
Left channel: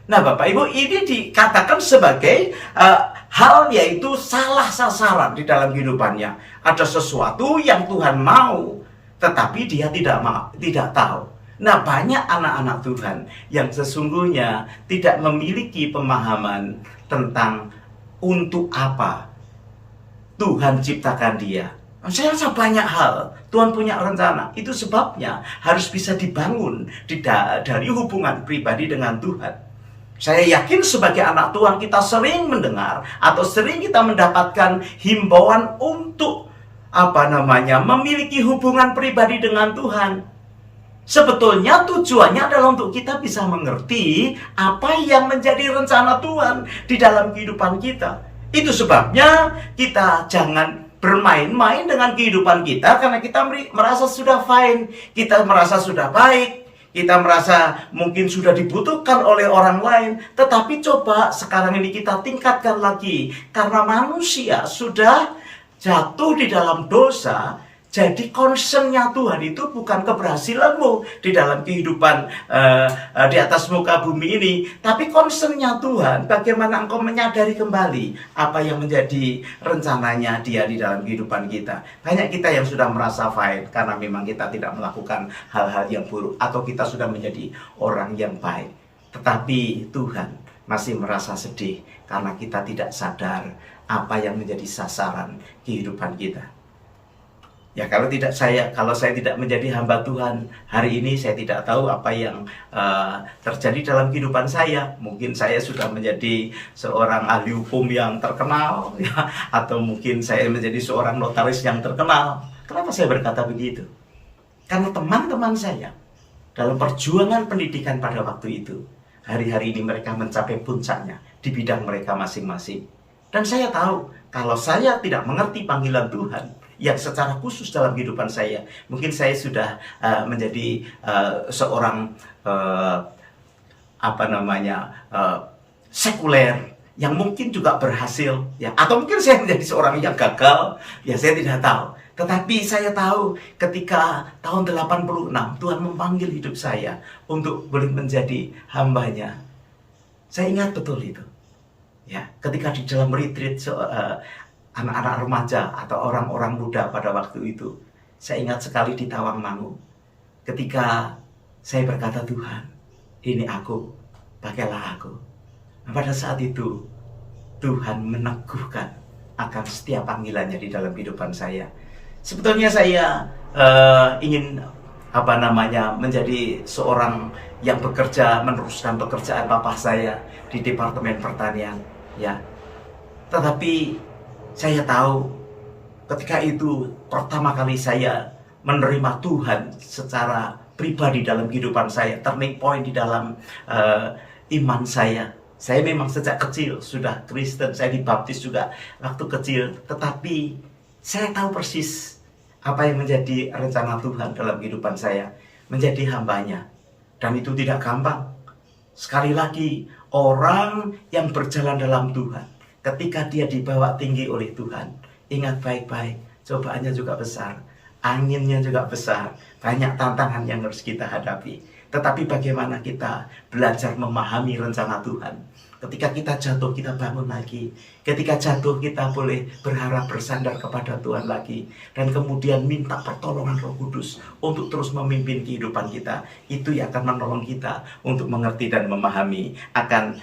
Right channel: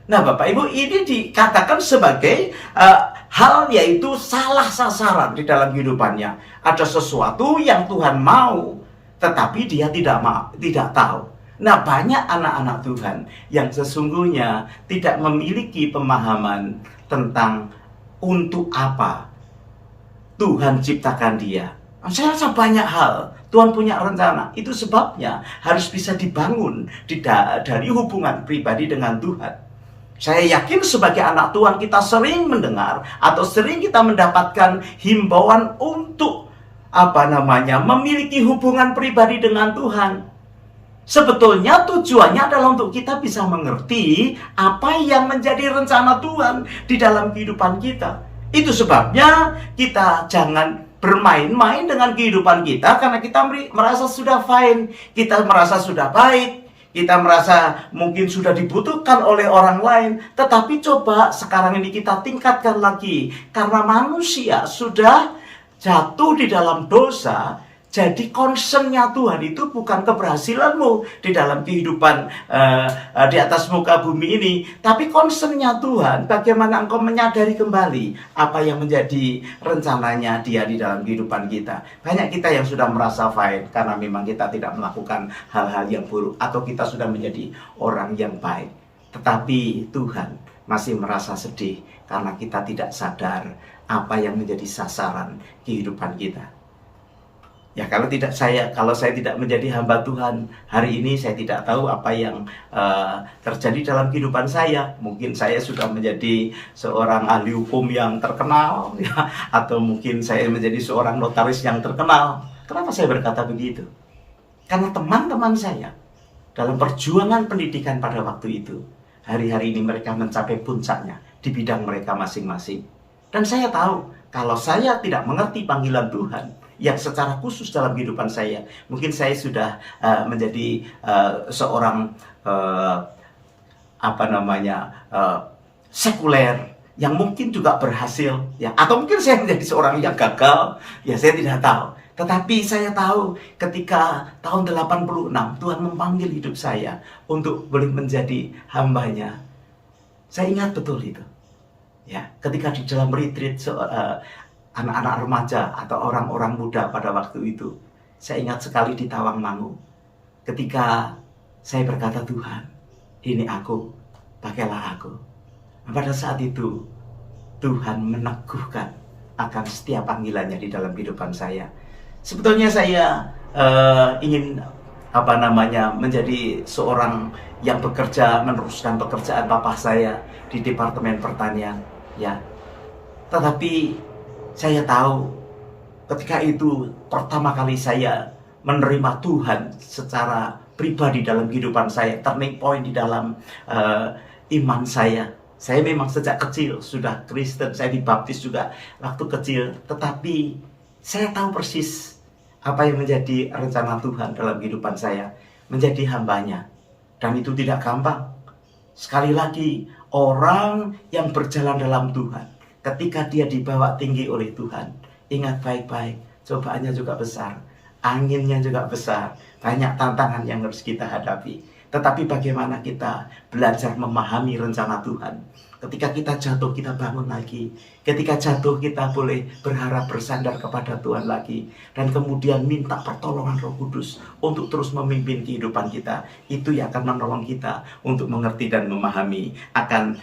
Nah, Bapak Ibu, ini dikatakan sebagai hal yaitu salah sasaran di dalam kehidupannya. Ada sesuatu yang Tuhan mau, tetapi dia tidak tahu. Nah, banyak anak-anak Tuhan yang sesungguhnya tidak memiliki pemahaman tentang untuk apa Tuhan ciptakan dia. Saya rasa banyak hal Tuhan punya rencana. Itu sebabnya harus bisa dibangun dari hubungan pribadi dengan Tuhan. Saya yakin sebagai anak Tuhan kita sering mendengar atau sering kita mendapatkan himbauan untuk memiliki hubungan pribadi dengan Tuhan. Sebetulnya tujuannya adalah untuk kita bisa mengerti apa yang menjadi rencana Tuhan di dalam kehidupan kita. Itu sebabnya kita jangan bermain-main dengan kehidupan kita karena kita merasa sudah fine, kita merasa sudah baik, kita merasa mungkin sudah dibutuhkan oleh orang lain. Tetapi coba sekarang ini kita tingkatkan lagi, karena manusia sudah jatuh di dalam dosa. Jadi concernnya Tuhan itu bukan keberhasilanmu di dalam kehidupan di atas muka bumi ini. Tapi concernnya Tuhan bagaimana engkau menyadari kembali apa yang menjadi rencananya dia di dalam kehidupan kita. Banyak kita yang sudah merasa fine karena memang kita tidak melakukan hal-hal yang buruk. Atau kita sudah menjadi orang yang baik. Tetapi Tuhan masih merasa sedih karena kita tidak sadar apa yang menjadi sasaran kehidupan kita. Ya, kalau saya tidak menjadi hamba Tuhan, hari ini saya tidak tahu apa yang terjadi dalam kehidupan saya. Mungkin saya sudah menjadi seorang ahli hukum yang terkenal, ya, atau mungkin saya menjadi seorang notaris yang terkenal. Kenapa saya berkata begitu? Karena teman-teman saya dalam perjuangan pendidikan pada waktu itu, hari-hari ini mereka mencapai puncaknya di bidang mereka masing-masing. Dan saya tahu, kalau saya tidak mengerti panggilan Tuhan yang secara khusus dalam kehidupan saya, mungkin saya sudah menjadi seorang sekuler yang mungkin juga berhasil, ya, atau mungkin saya menjadi seorang yang gagal, ya, saya tidak tahu. Tetapi saya tahu ketika tahun 86 Tuhan memanggil hidup saya untuk boleh menjadi hambanya. Saya ingat betul itu. Ya, ketika di dalam retreat anak-anak remaja atau orang-orang muda pada waktu itu, saya ingat sekali di Tawangmangu, ketika saya berkata, Tuhan, ini aku, pakailah aku. Pada saat itu Tuhan meneguhkan akan setiap panggilannya di dalam kehidupan saya. Sebetulnya saya ingin menjadi seorang yang bekerja, meneruskan pekerjaan papa saya di Departemen Pertanian, ya. Tetapi saya tahu ketika itu pertama kali saya menerima Tuhan secara pribadi dalam kehidupan saya, turning point di dalam iman saya. Saya memang sejak kecil sudah Kristen, saya dibaptis juga waktu kecil. Tetapi saya tahu persis apa yang menjadi rencana Tuhan dalam kehidupan saya, menjadi hambanya. Dan itu tidak gampang. Sekali lagi, orang yang berjalan dalam Tuhan, ketika dia dibawa tinggi oleh Tuhan, ingat baik-baik, cobaannya juga besar, anginnya juga besar, banyak tantangan yang harus kita hadapi. Tetapi bagaimana kita belajar memahami rencana Tuhan? Ketika kita jatuh, kita bangun lagi. Ketika jatuh, kita boleh berharap bersandar kepada Tuhan lagi. Dan kemudian minta pertolongan Roh Kudus untuk terus memimpin kehidupan kita. Itu yang akan menolong kita untuk mengerti dan memahami akan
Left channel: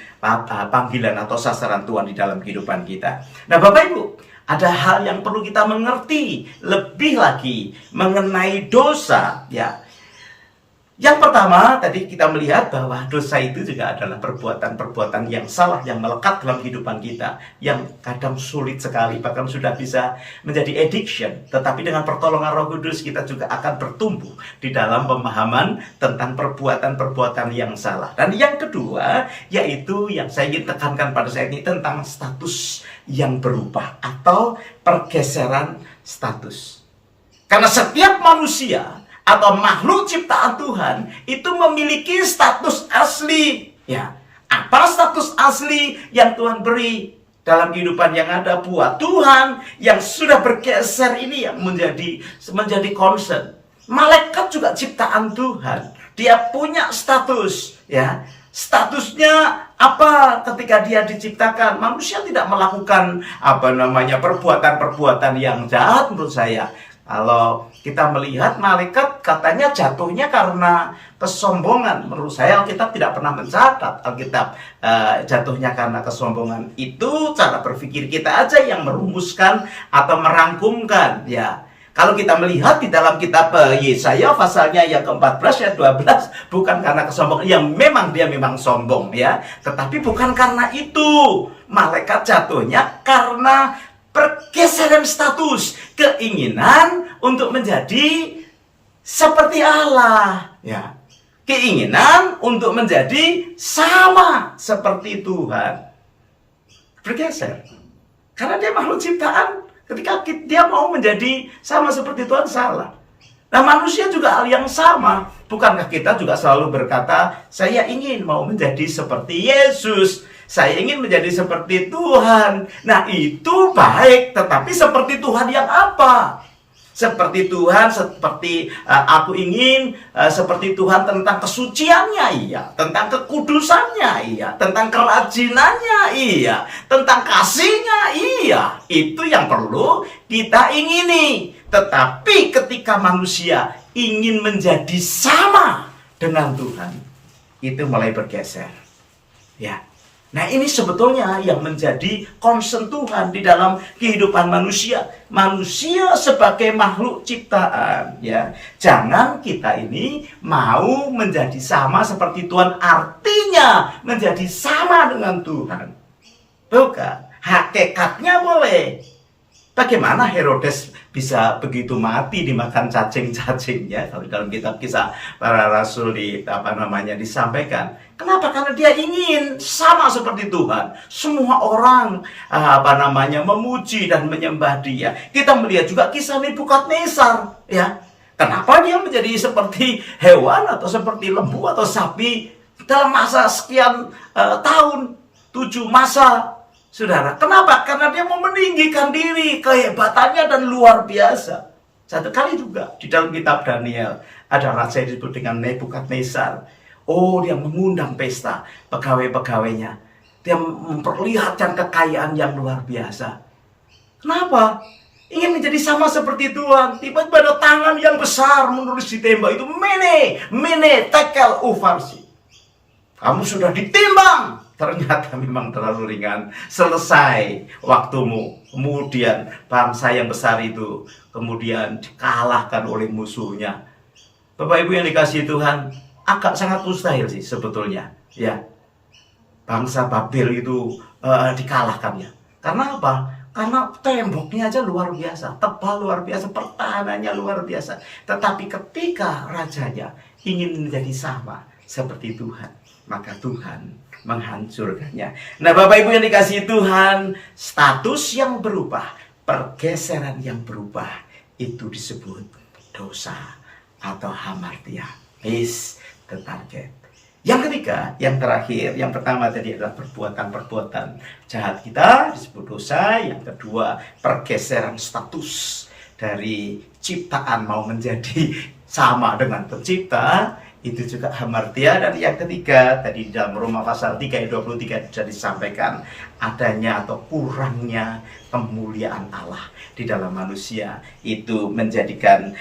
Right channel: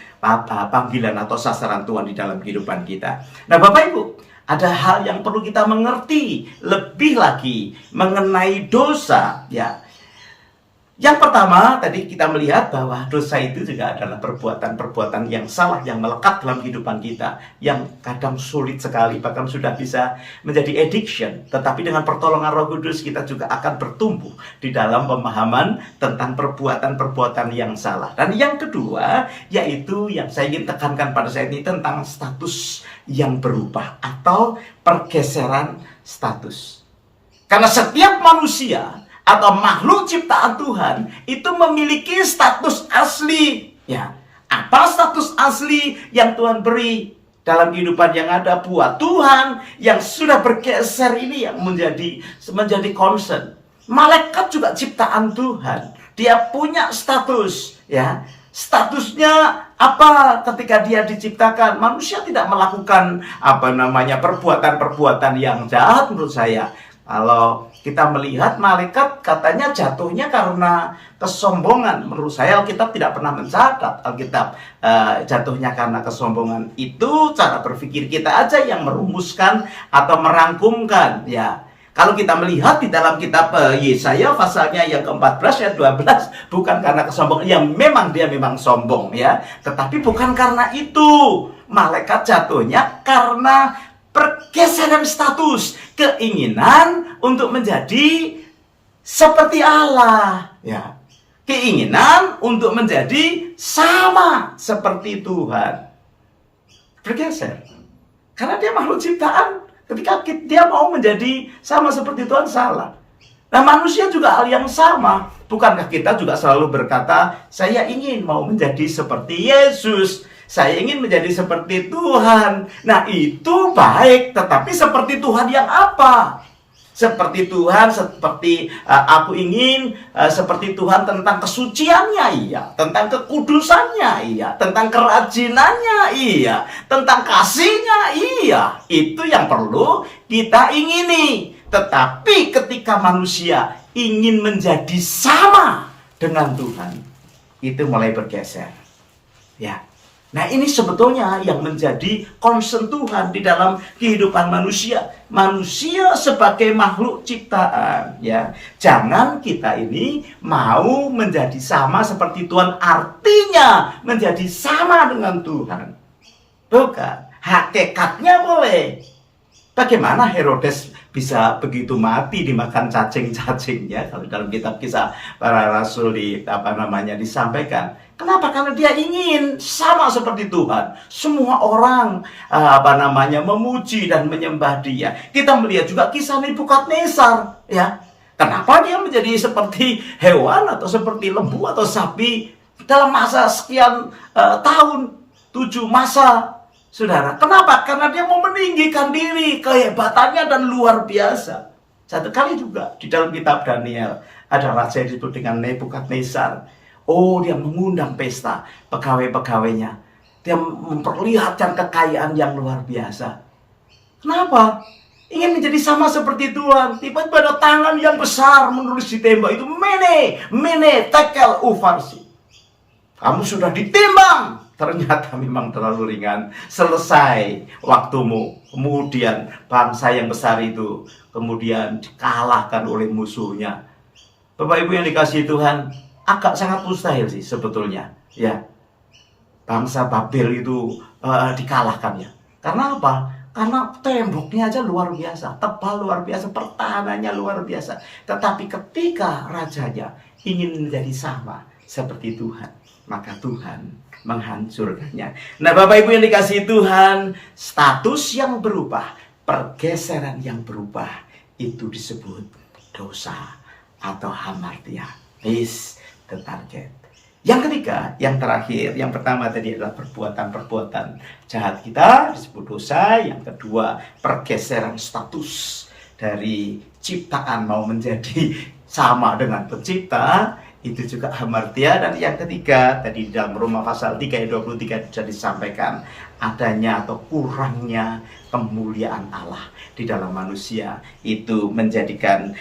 panggilan atau sasaran Tuhan di dalam kehidupan kita. Nah, Bapak Ibu, ada hal yang perlu kita mengerti lebih lagi mengenai dosa, ya. Yang pertama, tadi kita melihat bahwa dosa itu juga adalah perbuatan-perbuatan yang salah, yang melekat dalam kehidupan kita, yang kadang sulit sekali, bahkan sudah bisa menjadi addiction. Tetapi dengan pertolongan Roh Kudus, kita juga akan bertumbuh di dalam pemahaman tentang perbuatan-perbuatan yang salah. Dan yang kedua, yaitu yang saya ingin tekankan pada saat ini tentang status yang berubah atau pergeseran status. Karena setiap manusia atau makhluk ciptaan Tuhan itu memiliki status asli, ya. Apa status asli yang Tuhan beri dalam kehidupan yang ada buat Tuhan yang sudah bergeser ini yang menjadi concern. Malaikat juga ciptaan Tuhan, dia punya status, ya. Statusnya Apa ketika dia diciptakan? Manusia tidak melakukan perbuatan-perbuatan yang jahat menurut saya. Kalau kita melihat malaikat katanya jatuhnya karena kesombongan. Menurut saya Alkitab tidak pernah mencatat Alkitab jatuhnya karena kesombongan. Itu cara berpikir kita aja yang merumuskan atau merangkumkan ya. Kalau kita melihat di dalam kitab Yesaya pasalnya yang ke-14 ayat 12, bukan karena kesombongan, yang dia memang sombong ya, tetapi bukan karena itu. Malaikat jatuhnya karena pergeseran status, keinginan untuk menjadi seperti Allah ya. Keinginan untuk menjadi sama seperti Tuhan. Bergeser. Karena dia makhluk ciptaan. Ketika dia mau menjadi sama seperti Tuhan, salah. Nah, manusia juga hal yang sama. Bukankah kita juga selalu berkata, saya ingin mau menjadi seperti Yesus, saya ingin menjadi seperti Tuhan. Nah, itu baik, tetapi seperti Tuhan yang apa? Seperti Tuhan, seperti aku ingin seperti Tuhan tentang kesuciannya, iya. Tentang kekudusannya, iya. Tentang kerajinannya, iya. Tentang kasihnya, iya. Itu yang perlu kita ingini. Tetapi ketika manusia ingin menjadi sama dengan Tuhan, itu mulai bergeser. Ya. Nah, ini sebetulnya yang menjadi concern Tuhan di dalam kehidupan manusia. Manusia sebagai makhluk ciptaan, ya. Jangan kita ini mau menjadi sama seperti Tuhan, artinya menjadi sama dengan Tuhan. Bukan. Hakikatnya boleh. Bagaimana Herodes bisa begitu mati dimakan cacing-cacingnya? Kalau dalam kitab Kisah Para Rasul disampaikan. Kenapa? Karena dia ingin sama seperti Tuhan. Semua orang memuji dan menyembah dia. Kita melihat juga kisah Nebukadnezar, ya. Kenapa dia menjadi seperti hewan atau seperti lembu atau sapi dalam masa sekian tahun, 7 masa? Saudara, kenapa? Karena dia mau meninggikan diri, kehebatannya dan luar biasa. Satu kali juga di dalam kitab Daniel ada raja yang disebut dengan Nebukadnezar. Oh, dia mengundang pesta pegawai-pegawainya. Dia memperlihatkan kekayaan yang luar biasa. Kenapa? Ingin menjadi sama seperti Tuhan. Tiba-tiba ada tangan yang besar menulis di tembok itu, Mene, Tekel, Ufarsi. Kamu sudah ditimbang. Ternyata memang terlalu ringan. Selesai waktumu. Kemudian bangsa yang besar itu kemudian dikalahkan oleh musuhnya. Bapak Ibu yang dikasihi Tuhan, agak sangat mustahil sih sebetulnya, ya. Bangsa Babel itu dikalahkan ya. Karena apa? Karena temboknya aja luar biasa, tebal luar biasa, pertahanannya luar biasa. Tetapi ketika rajanya ingin menjadi sama seperti Tuhan, maka Tuhan menghancurkannya. Nah, Bapak Ibu yang dikasihi Tuhan, status yang berubah, pergeseran yang berubah, itu disebut dosa atau hamartia. Is the target. Yang ketiga, yang terakhir, yang pertama tadi adalah perbuatan-perbuatan jahat kita disebut dosa. Yang kedua, pergeseran status dari ciptaan mau menjadi sama dengan pencipta, itu juga hamartia. Dan yang ketiga, tadi di dalam Roma pasal 3 ayat 23 sudah disampaikan, adanya atau kurangnya kemuliaan Allah di dalam manusia itu menjadikan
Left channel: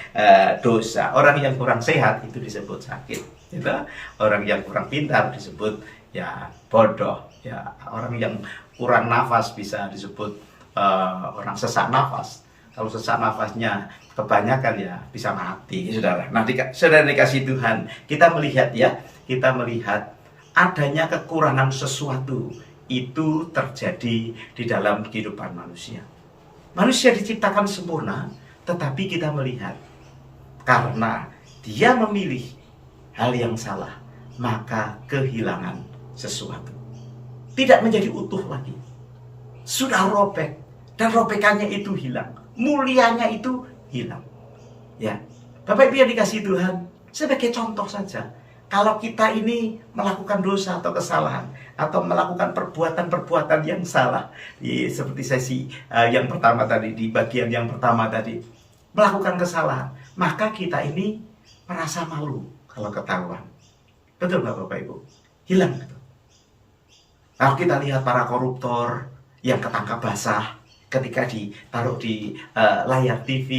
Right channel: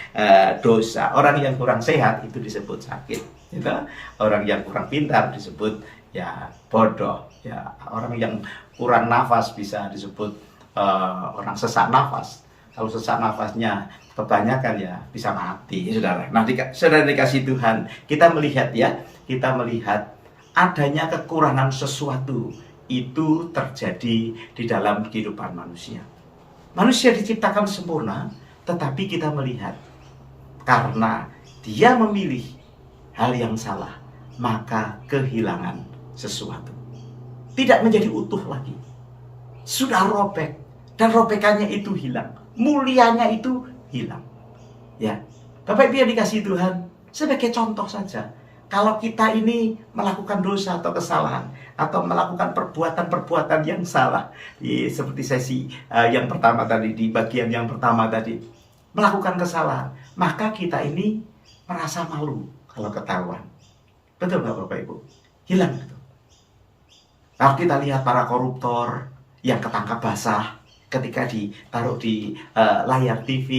dosa. Orang yang kurang sehat itu disebut sakit, gitu. Orang yang kurang pintar disebut ya bodoh, ya. Orang yang kurang nafas bisa disebut orang sesak nafas. Kalau sesak nafasnya kebanyakan ya bisa mati, saudara. Nah, saudara dikasih Tuhan, kita melihat adanya kekurangan sesuatu itu terjadi di dalam kehidupan manusia. Manusia diciptakan sempurna, tetapi kita melihat karena dia memilih hal yang salah, maka kehilangan sesuatu. Tidak menjadi utuh lagi. Sudah robek, dan robekannya itu hilang. Mulianya itu hilang. Ya, Bapak Ibu yang dikasihi Tuhan, sebagai contoh saja, kalau kita ini melakukan dosa atau kesalahan atau melakukan perbuatan-perbuatan yang salah, seperti sesi yang pertama tadi, di bagian yang pertama tadi, melakukan kesalahan, maka kita ini merasa malu kalau ketahuan. Betul nggak Bapak Ibu? Hilang gitu. Kalau kita lihat para koruptor yang ketangkap basah ketika ditaruh di layar TV,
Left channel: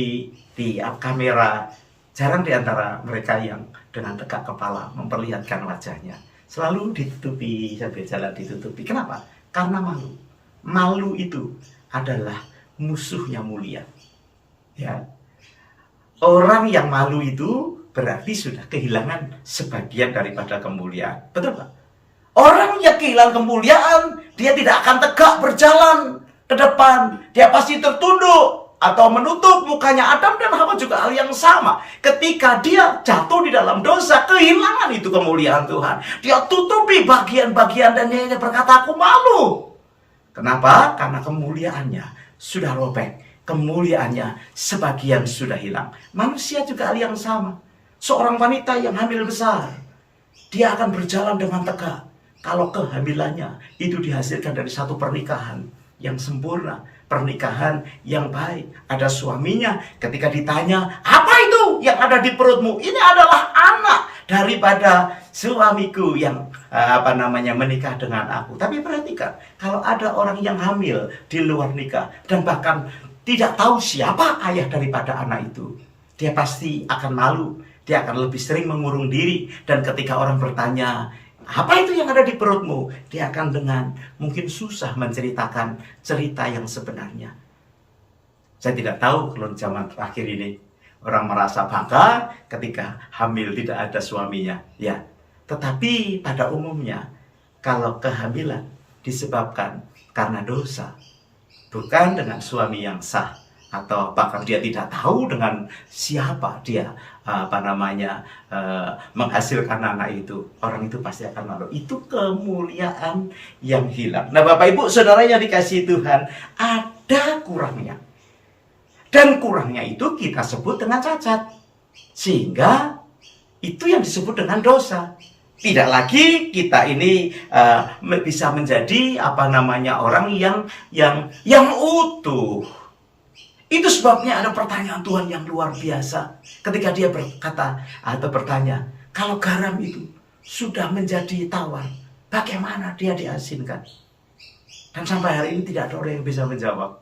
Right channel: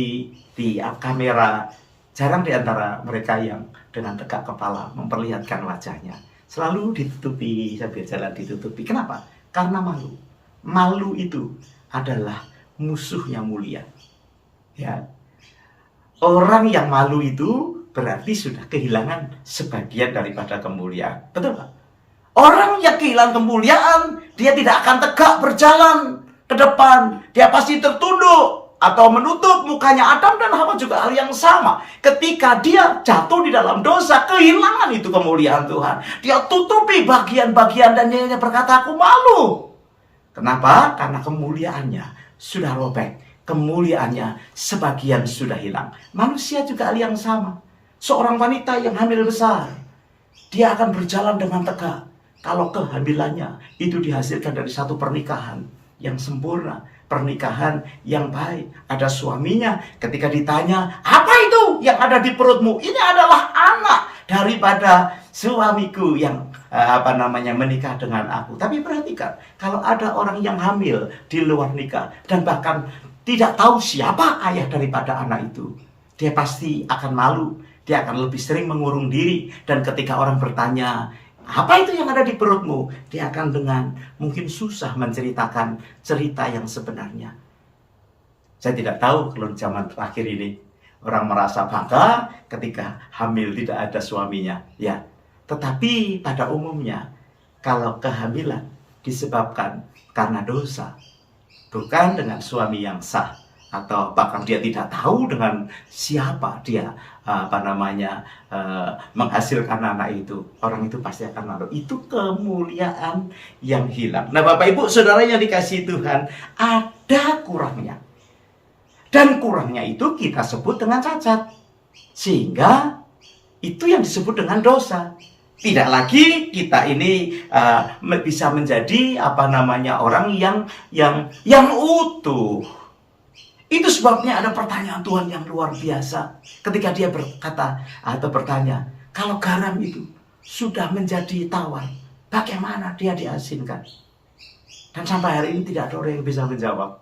di kamera, jarang di antara mereka yang dengan tegak kepala memperlihatkan wajahnya. Selalu ditutupi, sambil jalan ditutupi. Kenapa? Karena malu. Malu itu adalah musuhnya mulia. Ya. Orang yang malu itu berarti sudah kehilangan sebagian daripada kemuliaan. Betul Pak? Orang yang kehilangan kemuliaan, dia tidak akan tegak berjalan ke depan. Dia pasti tertunduk atau menutup mukanya. Adam dan Hawa juga hal yang sama. Ketika dia jatuh di dalam dosa, kehilangan itu kemuliaan Tuhan. Dia tutupi bagian-bagian dan dia berkata, aku malu. Kenapa? Karena kemuliaannya sudah robek. Kemuliaannya sebagian sudah hilang. Manusia juga hal yang sama. Seorang wanita yang hamil besar, dia akan berjalan dengan tegak. Kalau kehamilannya itu dihasilkan dari satu pernikahan yang sempurna, pernikahan yang baik. Ada suaminya, ketika ditanya, apa itu yang ada di perutmu? Ini adalah anak daripada suamiku yang menikah dengan aku. Tapi perhatikan, kalau ada orang yang hamil di luar nikah dan bahkan tidak tahu siapa ayah daripada anak itu, dia pasti akan malu. Dia akan lebih sering mengurung diri. Dan ketika orang bertanya, apa itu yang ada di perutmu? Dia akan dengan mungkin susah menceritakan cerita yang sebenarnya. Saya tidak tahu kalau zaman terakhir ini orang merasa bangga ketika hamil tidak ada suaminya. Ya, tetapi pada umumnya kalau kehamilan disebabkan karena dosa, bukan dengan suami yang sah, atau bahkan dia tidak tahu dengan siapa dia menghasilkan anak itu, orang itu pasti akan malu. Itu kemuliaan yang hilang. Nah, Bapak Ibu Saudara yang dikasihi Tuhan, ada kurangnya. Dan kurangnya itu kita sebut dengan cacat. Sehingga itu yang disebut dengan dosa. Tidak lagi kita ini bisa menjadi orang yang utuh. Itu sebabnya ada pertanyaan Tuhan yang luar biasa. Ketika dia berkata atau bertanya, kalau garam itu sudah menjadi tawar, bagaimana dia diasinkan? Dan sampai hari ini tidak ada orang yang bisa menjawab.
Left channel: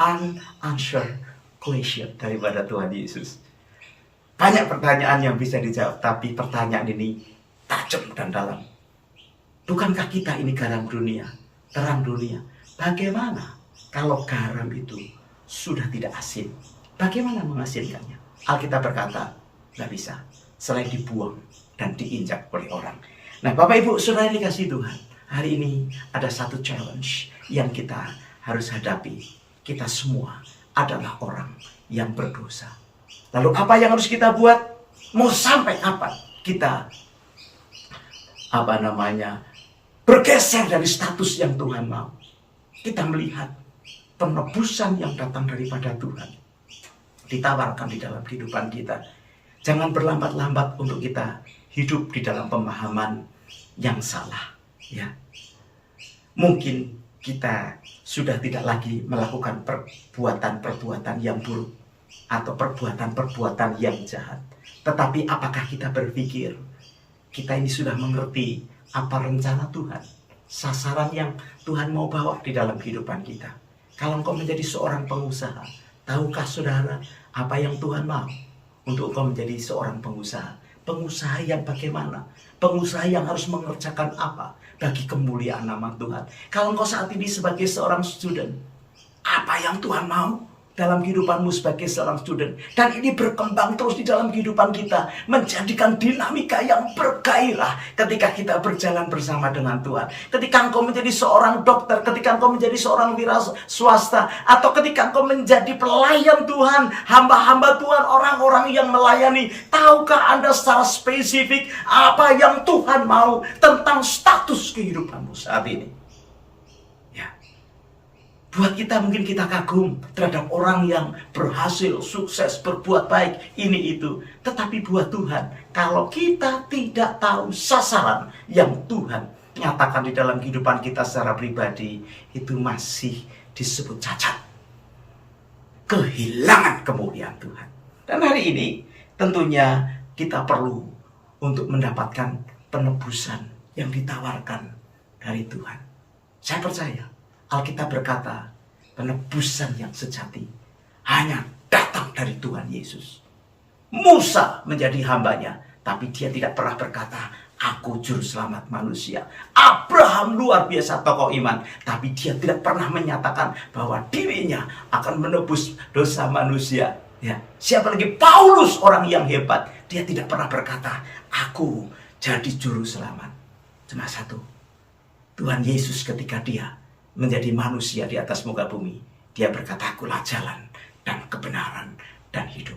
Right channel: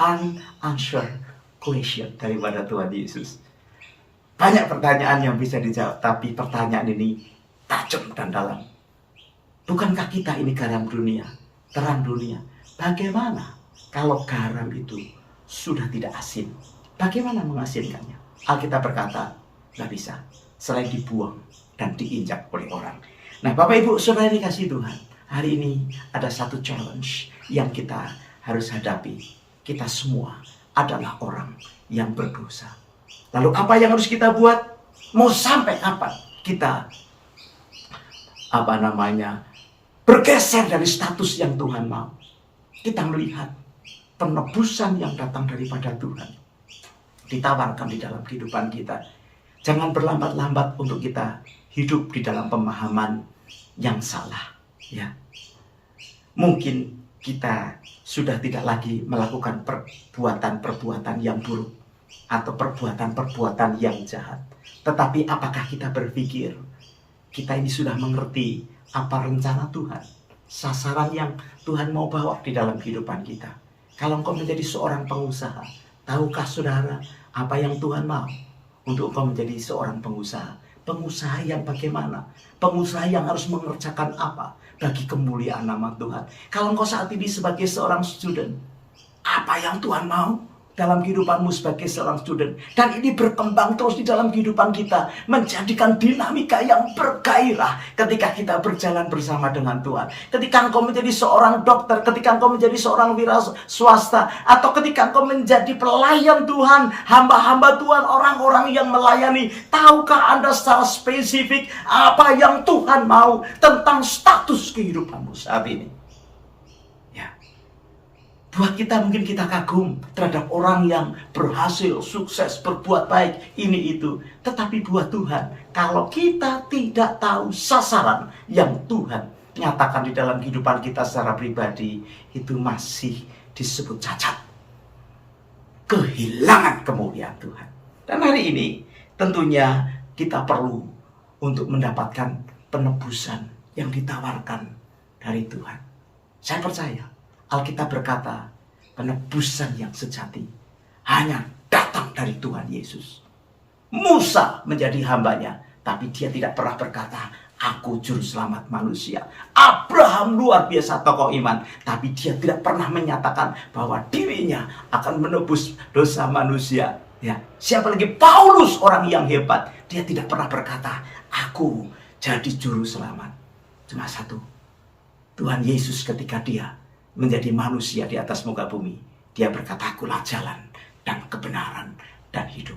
Unanswered question daripada Tuhan Yesus. Banyak pertanyaan yang bisa dijawab, tapi pertanyaan ini tajam dan dalam. Bukankah kita ini garam dunia, terang dunia? Bagaimana kalau garam itu sudah tidak asin? Bagaimana mengasinkannya? Alkitab berkata, nggak bisa, selain dibuang dan diinjak oleh orang. Nah, Bapak Ibu Saudara dikasihi Tuhan, hari ini ada satu challenge yang kita harus hadapi. Kita semua adalah orang yang berdosa. Lalu apa yang harus kita buat? Mau sampai kapan kita bergeser dari status yang Tuhan mau? Kita melihat penebusan yang datang daripada Tuhan ditawarkan di dalam kehidupan kita. Jangan berlambat-lambat untuk kita hidup di dalam pemahaman yang salah. Ya, mungkin kita sudah tidak lagi melakukan perbuatan-perbuatan yang buruk atau perbuatan-perbuatan yang jahat. Tetapi apakah kita berpikir kita ini sudah mengerti apa rencana Tuhan, sasaran yang Tuhan mau bawa di dalam kehidupan kita? Kalau engkau menjadi seorang pengusaha, tahukah saudara apa yang Tuhan mau untuk engkau menjadi seorang pengusaha? Pengusaha yang bagaimana? Pengusaha yang harus mengerjakan apa bagi kemuliaan nama Tuhan? Kalau engkau saat ini sebagai seorang student, apa yang Tuhan mau dalam kehidupanmu sebagai seorang student? Dan ini berkembang terus di dalam kehidupan kita, menjadikan dinamika yang bergairah ketika kita berjalan bersama dengan Tuhan. Ketika engkau menjadi seorang dokter, ketika engkau menjadi seorang wira swasta, atau ketika engkau menjadi pelayan Tuhan, hamba-hamba Tuhan, orang-orang yang melayani, tahukah Anda secara spesifik apa yang Tuhan mau tentang status kehidupanmu saat ini? Buat kita mungkin kita kagum terhadap orang yang berhasil, sukses, berbuat baik, ini itu. Tetapi buat Tuhan, kalau kita tidak tahu sasaran yang Tuhan nyatakan di dalam kehidupan kita secara pribadi, itu masih disebut cacat. Kehilangan kemuliaan Tuhan. Dan hari ini tentunya kita perlu untuk mendapatkan penebusan yang ditawarkan dari Tuhan. Saya percaya Alkitab berkata penebusan yang sejati hanya datang dari Tuhan Yesus. Musa menjadi hambanya, tapi dia tidak pernah berkata, aku juru selamat manusia. Abraham luar biasa tokoh iman, tapi dia tidak pernah menyatakan bahwa dirinya akan menebus dosa manusia. Ya, siapa lagi Paulus, orang yang hebat, dia tidak pernah berkata, aku jadi juru selamat. Cuma satu, Tuhan Yesus ketika dia menjadi manusia di atas muka bumi, dia berkata, akulah jalan dan kebenaran dan hidup.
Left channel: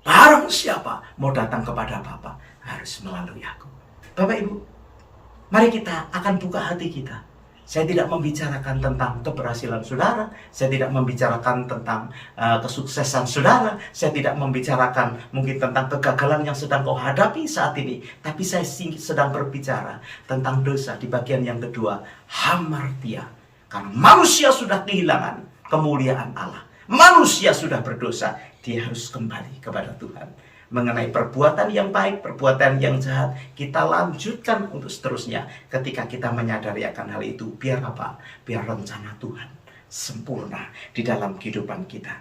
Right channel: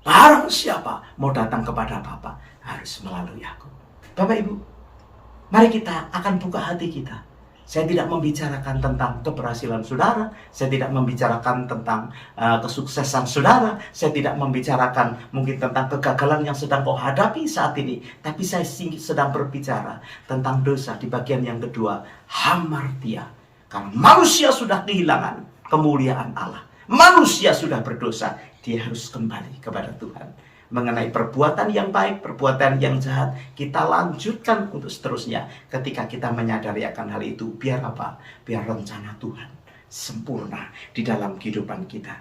Barang siapa mau datang kepada Bapa harus melalui aku. Bapak Ibu, mari kita akan buka hati kita. Saya tidak membicarakan tentang keberhasilan saudara, saya tidak membicarakan tentang kesuksesan saudara, saya tidak membicarakan mungkin tentang kegagalan yang sedang kau hadapi saat ini, tapi saya sedang berbicara tentang dosa di bagian yang kedua, hamartia. Karena manusia sudah kehilangan kemuliaan Allah. Manusia sudah berdosa, dia harus kembali kepada Tuhan. Mengenai perbuatan yang baik, perbuatan yang jahat, kita lanjutkan untuk seterusnya. Ketika kita menyadari akan hal itu, biar apa? Biar rencana Tuhan sempurna di dalam kehidupan kita.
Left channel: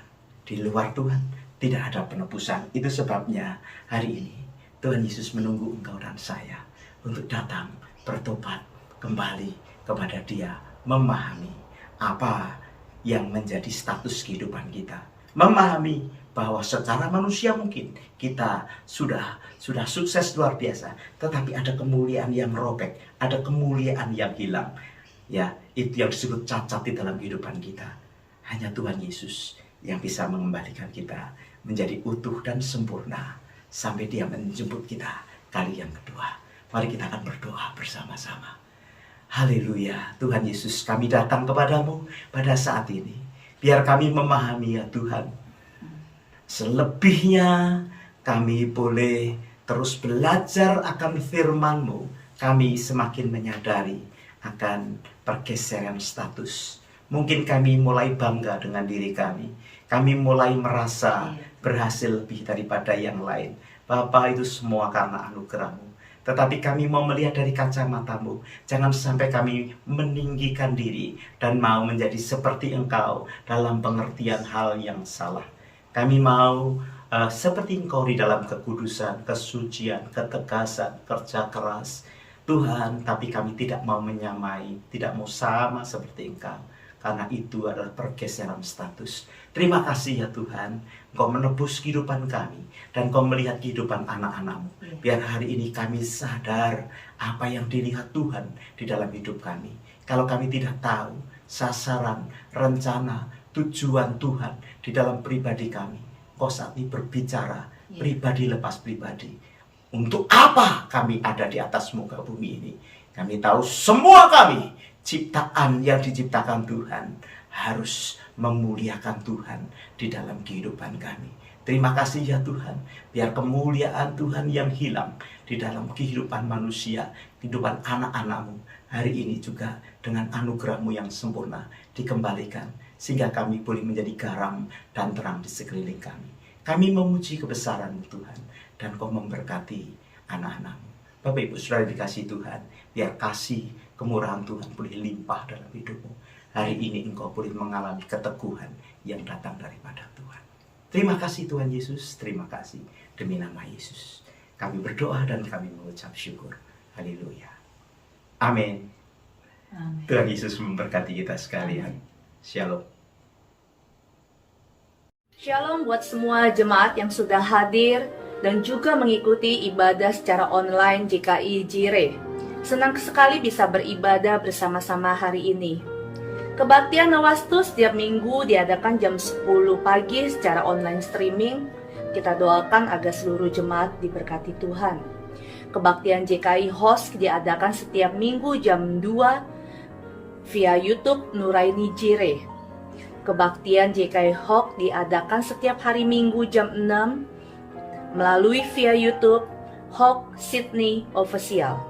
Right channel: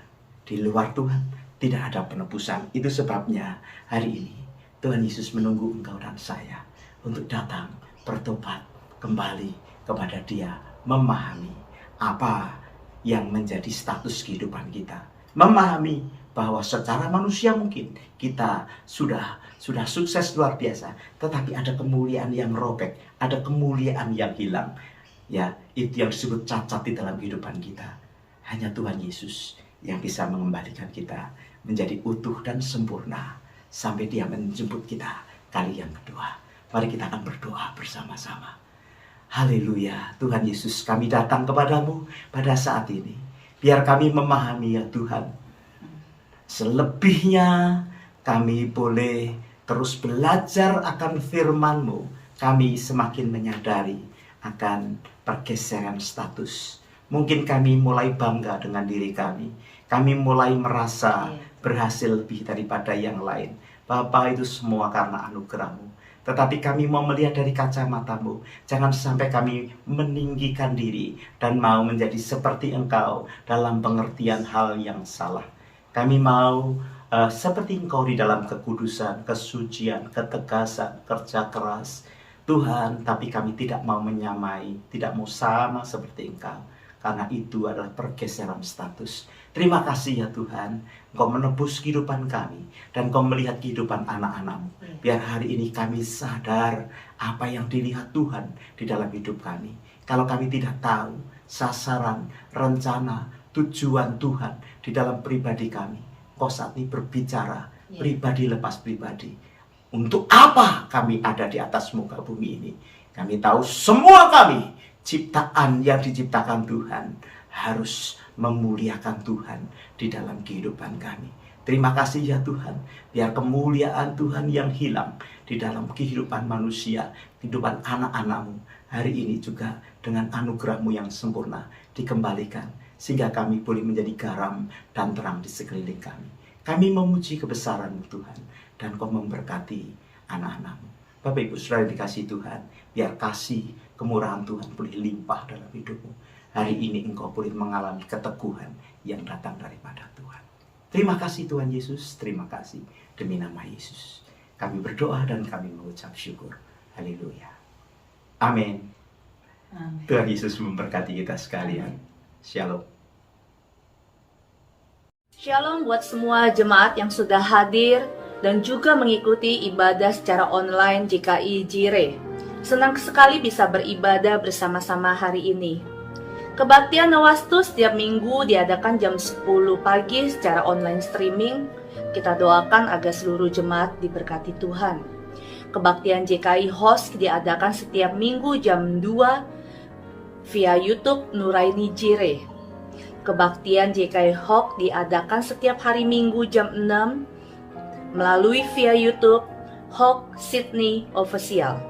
Di luar Tuhan tidak ada penebusan. Itu sebabnya hari ini Tuhan Yesus menunggu engkau dan saya untuk datang bertobat kembali kepada Dia, memahami apa yang menjadi status kehidupan kita. Memahami bahwa secara manusia mungkin kita sudah sukses luar biasa, tetapi ada kemuliaan yang robek, ada kemuliaan yang hilang. Ya, itu yang disebut cacat di dalam kehidupan kita. Hanya Tuhan Yesus yang bisa mengembalikan kita menjadi utuh dan sempurna sampai Dia menjemput kita kali yang kedua. Mari kita akan berdoa bersama-sama. Haleluya, Tuhan Yesus, kami datang kepadamu pada saat ini. Biar kami memahami ya Tuhan. Selebihnya kami boleh terus belajar akan firman-Mu. Kami semakin menyadari akan pergeseran status. Mungkin kami mulai bangga dengan diri kami. Kami mulai merasa berhasil lebih daripada yang lain. Bapa, itu semua karena anugerah-Mu. Tetapi kami mau melihat dari kacamata-Mu. Jangan sampai kami meninggikan diri dan mau menjadi seperti Engkau dalam pengertian hal yang salah. Kami mau seperti Engkau di dalam kekudusan, kesucian, ketegasan, kerja keras. Tuhan, tapi kami tidak mau menyamai, tidak mau sama seperti Engkau. Karena itu adalah pergeseran status. Terima kasih ya Tuhan, Engkau menebus kehidupan kami dan Engkau melihat kehidupan anak-anak-Mu. Biar hari ini kami sadar apa yang dilihat Tuhan di dalam hidup kami. Kalau kami tidak tahu sasaran, rencana, tujuan Tuhan di dalam pribadi kami, Engkau saat ini berbicara pribadi lepas pribadi. Untuk apa kami ada di atas muka bumi ini? Kami tahu semua kami ciptaan yang diciptakan Tuhan harus memuliakan Tuhan di dalam kehidupan kami. Terima kasih ya Tuhan, biar kemuliaan Tuhan yang hilang di dalam kehidupan manusia, kehidupan anak-anak-Mu hari ini juga dengan anugerah-Mu yang sempurna dikembalikan, sehingga kami boleh menjadi garam dan terang di sekeliling kami. Kami memuji kebesaran-Mu Tuhan, dan Kau memberkati anak-anak-Mu. Bapak Ibu Saudara dikasih Tuhan, biar kasih kemurahan Tuhan boleh limpah dalam hidupmu. Hari ini engkau boleh mengalami keteguhan yang datang daripada Tuhan. Terima kasih Tuhan Yesus, terima kasih demi nama Yesus. Kami berdoa dan kami mengucap syukur. Haleluya. Amin. Tuhan Yesus memberkati kita sekalian. Shalom. Shalom buat semua jemaat yang sudah hadir dan juga mengikuti ibadah secara online GKI Jire. Senang sekali bisa beribadah bersama-sama hari ini. Kebaktian Nawastu setiap minggu diadakan jam 10 pagi secara online streaming. Kita doakan agar seluruh jemaat diberkati Tuhan. Kebaktian GKI Host diadakan setiap minggu jam 2 via YouTube Nuraini Jire. Kebaktian GKI Hawk diadakan setiap hari Minggu jam 6 melalui via YouTube Hawk Sydney Official.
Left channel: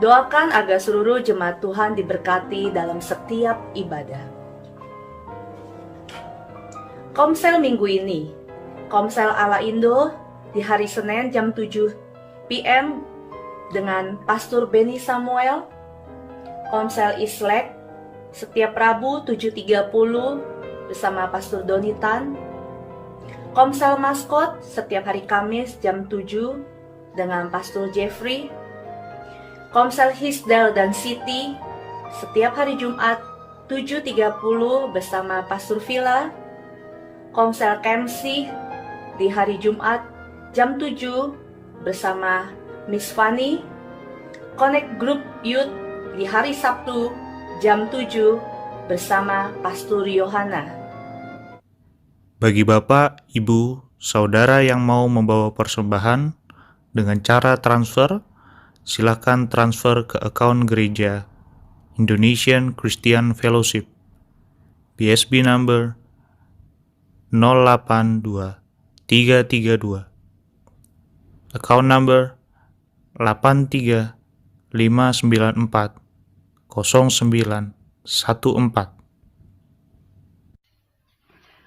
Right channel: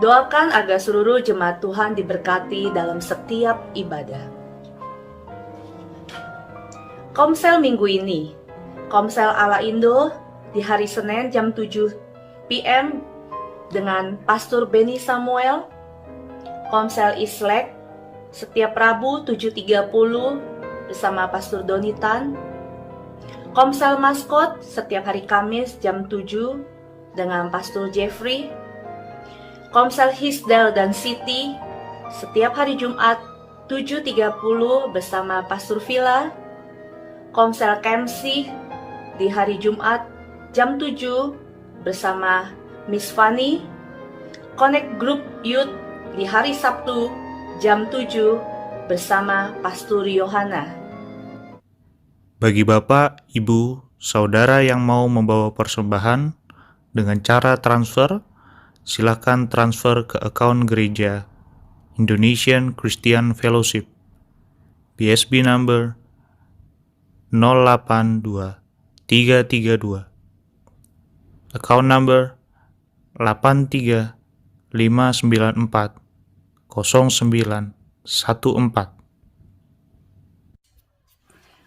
Doakan agar seluruh jemaat Tuhan diberkati dalam setiap ibadah. Komsel minggu ini, Komsel ala Indo di hari Senin jam 7 PM dengan Pastor Benny Samuel. Komsel Islek setiap Rabu 7.30 bersama Pastor Donitan. Komsel Maskot setiap hari Kamis jam 7 dengan Pastor Jeffrey. Komsel Hisdal dan Siti setiap hari Jumat 7.30 bersama Pastor Villa. Komsel Kemsi di hari Jumat jam 7 bersama Miss Fanny. Connect Group Youth di hari Sabtu jam 7 bersama Pastor Yohana. Bagi Bapak, Ibu, Saudara yang mau membawa persembahan dengan cara transfer, silakan transfer ke akun gereja Indonesian Christian Fellowship, BSB number 082332, account number 8359400914.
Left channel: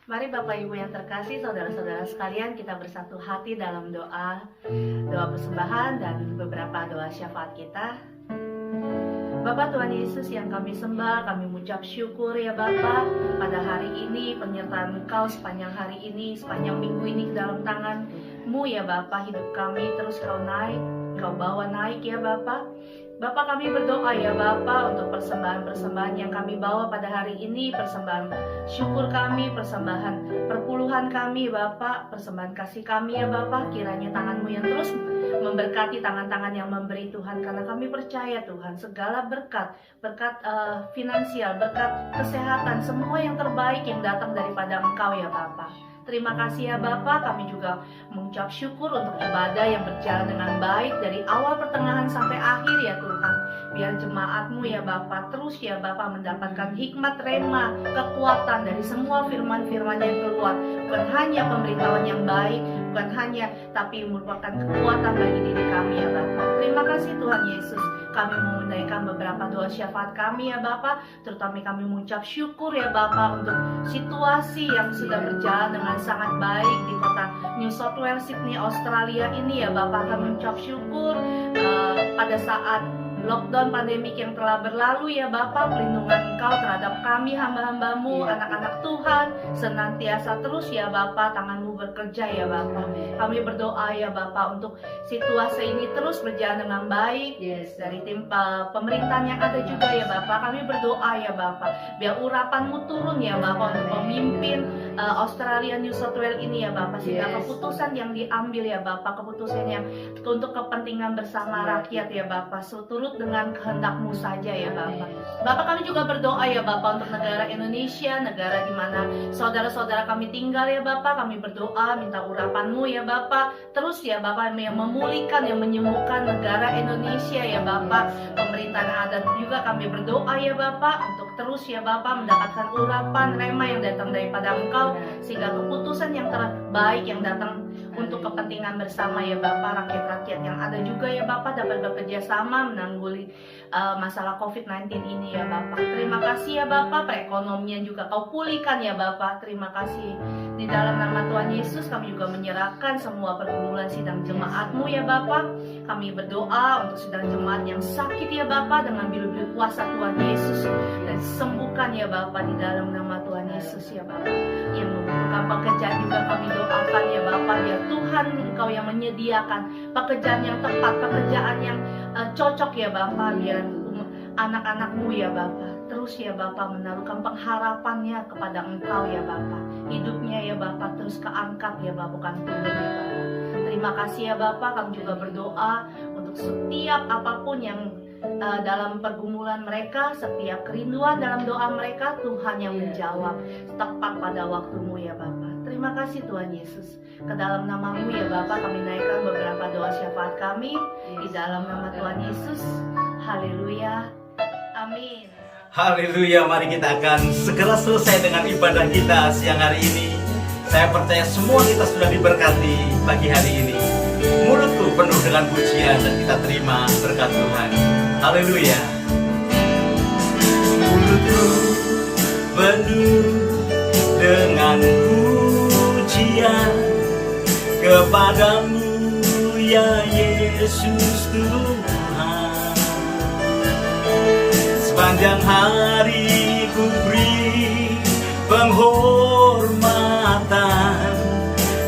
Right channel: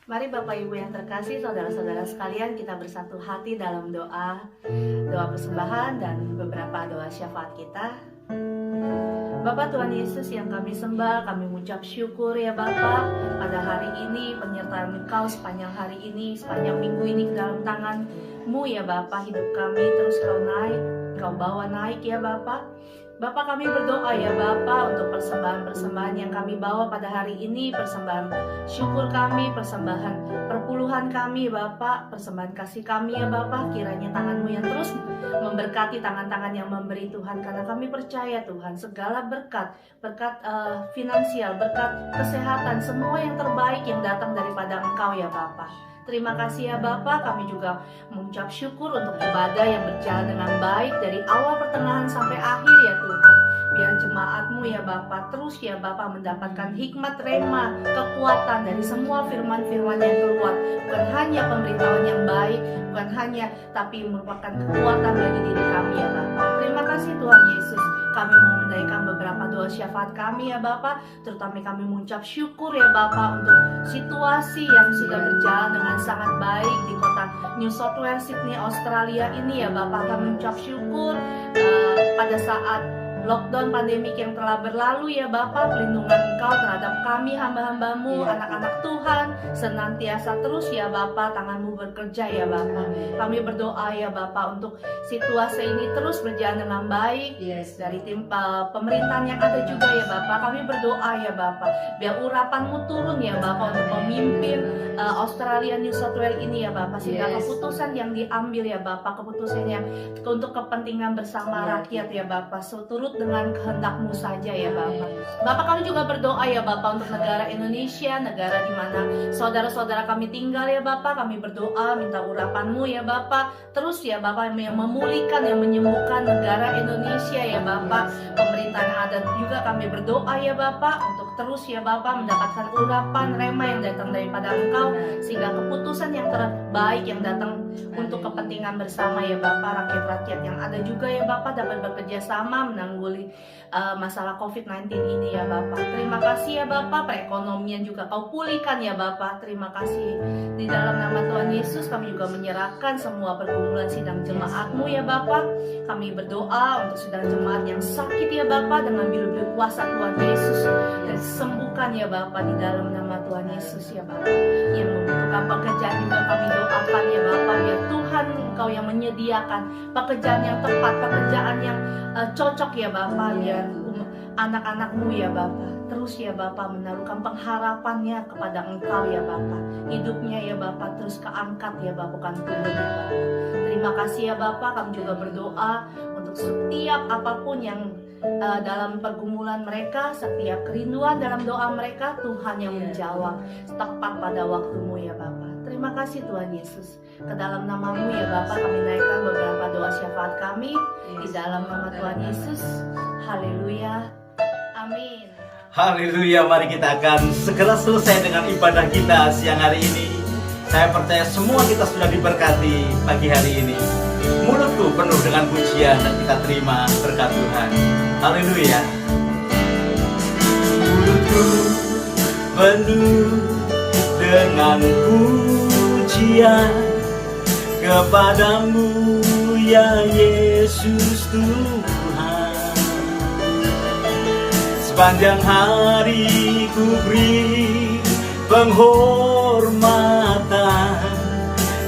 Mari Bapak Ibu yang terkasih, saudara-saudara sekalian, kita bersatu hati dalam doa persembahan dan beberapa doa syafaat kita. Bapak Tuhan Yesus yang kami sembah, kami mengucap syukur ya Bapak pada hari ini, penyertaan Engkau sepanjang hari ini, sepanjang minggu ini ke dalam tangan-Mu ya Bapak. Hidup kami terus Kau naik, Kau bawa naik ya Bapak. Bapak, kami berdoa ya Bapak untuk persembahan-persembahan yang kami bawa pada hari ini, persembahan syukur kami, persembahan perpuluhan kami Bapak, persembahan kasih kami ya Bapak. Kiranya tangan-Mu yang terus memberkati tangan-tangan yang memberi Tuhan, karena kami percaya Tuhan segala berkat finansial, berkat kesehatan, semua yang terbaik yang datang daripada Engkau ya Bapak. Terima kasih ya Bapak, kami juga mengucap syukur untuk ibadah yang berjalan dengan baik dari awal pertengahan sampai akhir ya Tuhan. Biar jemaat-Mu ya Bapak terus ya Bapak mendapatkan hikmat rema, kekuatan dari semua firman-firman yang keluar. Bukan hanya pemberitahuan yang baik, bukan hanya, tapi merupakan kekuatan bagi diri kami ya Bapak. Terima kasih Tuhan Yesus. Kami mau menaikkan beberapa doa syafaat kami ya Bapak, terutama kami mengucap syukur ya Bapak untuk situasi yang sudah berjalan dengan sangat baik di kota New South Wales, Sydney, Australia ini ya Bapak. Kami mengucap syukur pada saat lockdown pandemik yang telah berlalu ya Bapak, pelindungan Engkau terhadap kami hamba-hamba-Mu, anak-anak Tuhan senantiasa terus ya Bapak, tangan-Mu bekerja ya Bapak. Kami berdoa ya Bapak untuk situasi ini terus berjalan dengan baik. Dari tim pemerintahan yang ada juga ya Bapak, kami berdoa ya Bapak, biar urapan-Mu turun ya Bapak untuk pemimpin Australia, New South Wales ini ya Bapak, sehingga keputusan yang diambil ya Bapak, keputusan yang untuk kepentingan bersama rakyat ya Bapak, seturut dengan kehendak-Mu saja ya Bapak. Bapak, kami juga berdoa ya Bapak untuk negara Indonesia, negara di mana saudara-saudara kami tinggal ya Bapak. Kami berdoa minta urapan-Mu ya Bapak, terus ya Bapak yang memulihkan, yang menyembuhkan negara Indonesia ya Bapak. Pemerintahan yang ada juga kami berdoa ya Bapak untuk terus ya Bapak mendapatkan urapan rema yang datang daripada Engkau, sehingga keputusan yang terbaik yang datang untuk kepentingan bersama ya Bapak, rakyat-rakyat yang ada juga ya Bapak dapat bekerja sama menanggulangi masalah COVID-19 ini ya Bapak. Terima kasih ya Bapak, perekonomian juga Kau pulihkan ya Bapak. Terima kasih. Di dalam nama Tuhan Yesus kami juga menyerahkan semua pergumulan sidang jemaat-Mu ya Bapak. Kami berdoa untuk sidang jemaat yang sakit ya Bapak, dengan bilu-bilu kuasa Tuhan Yesus, dan sembuhkan ya Bapak di dalam nama Tuhan Yesus ya Bapak. Yang membutuhkan pekerjaan juga kami doakan ya Bapak, biar Tuhan Engkau yang menyediakan pekerjaan yang tepat, pekerjaan yang cocok ya Bapak, biar anak-anak-Mu ya Bapak terus ya Bapak menaruhkan pengharapannya kepada Engkau ya Bapak. Hidupnya ya Bapak terus keangkat ya Bapak, bukan turun ya Bapak. Terima kasih ya Bapak. Kami juga berdoa untuk setiap apapun yang dalam pergumulan mereka, setiap kerinduan dalam doa mereka, Tuhan yang menjawab tepat pada waktu-Mu ya Bapak. Terima kasih Tuhan Yesus. Ke dalam nama-Mu ya Bapak kami naikkan beberapa doa syafaat kami di dalam nama Tuhan Yesus. Haleluya. Amin. Haleluya, mari kita akan segera selesai dengan ibadah kita siang hari ini. Saya percaya semua kita sudah diberkati pagi hari ini. Mulutku penuh dengan pujian dan kita terima berkat Tuhan. Haleluya. Mulutku penuh dengan pujian kepadamu ya Yesus Tuhan. Sepanjang hari ku beri penghormatan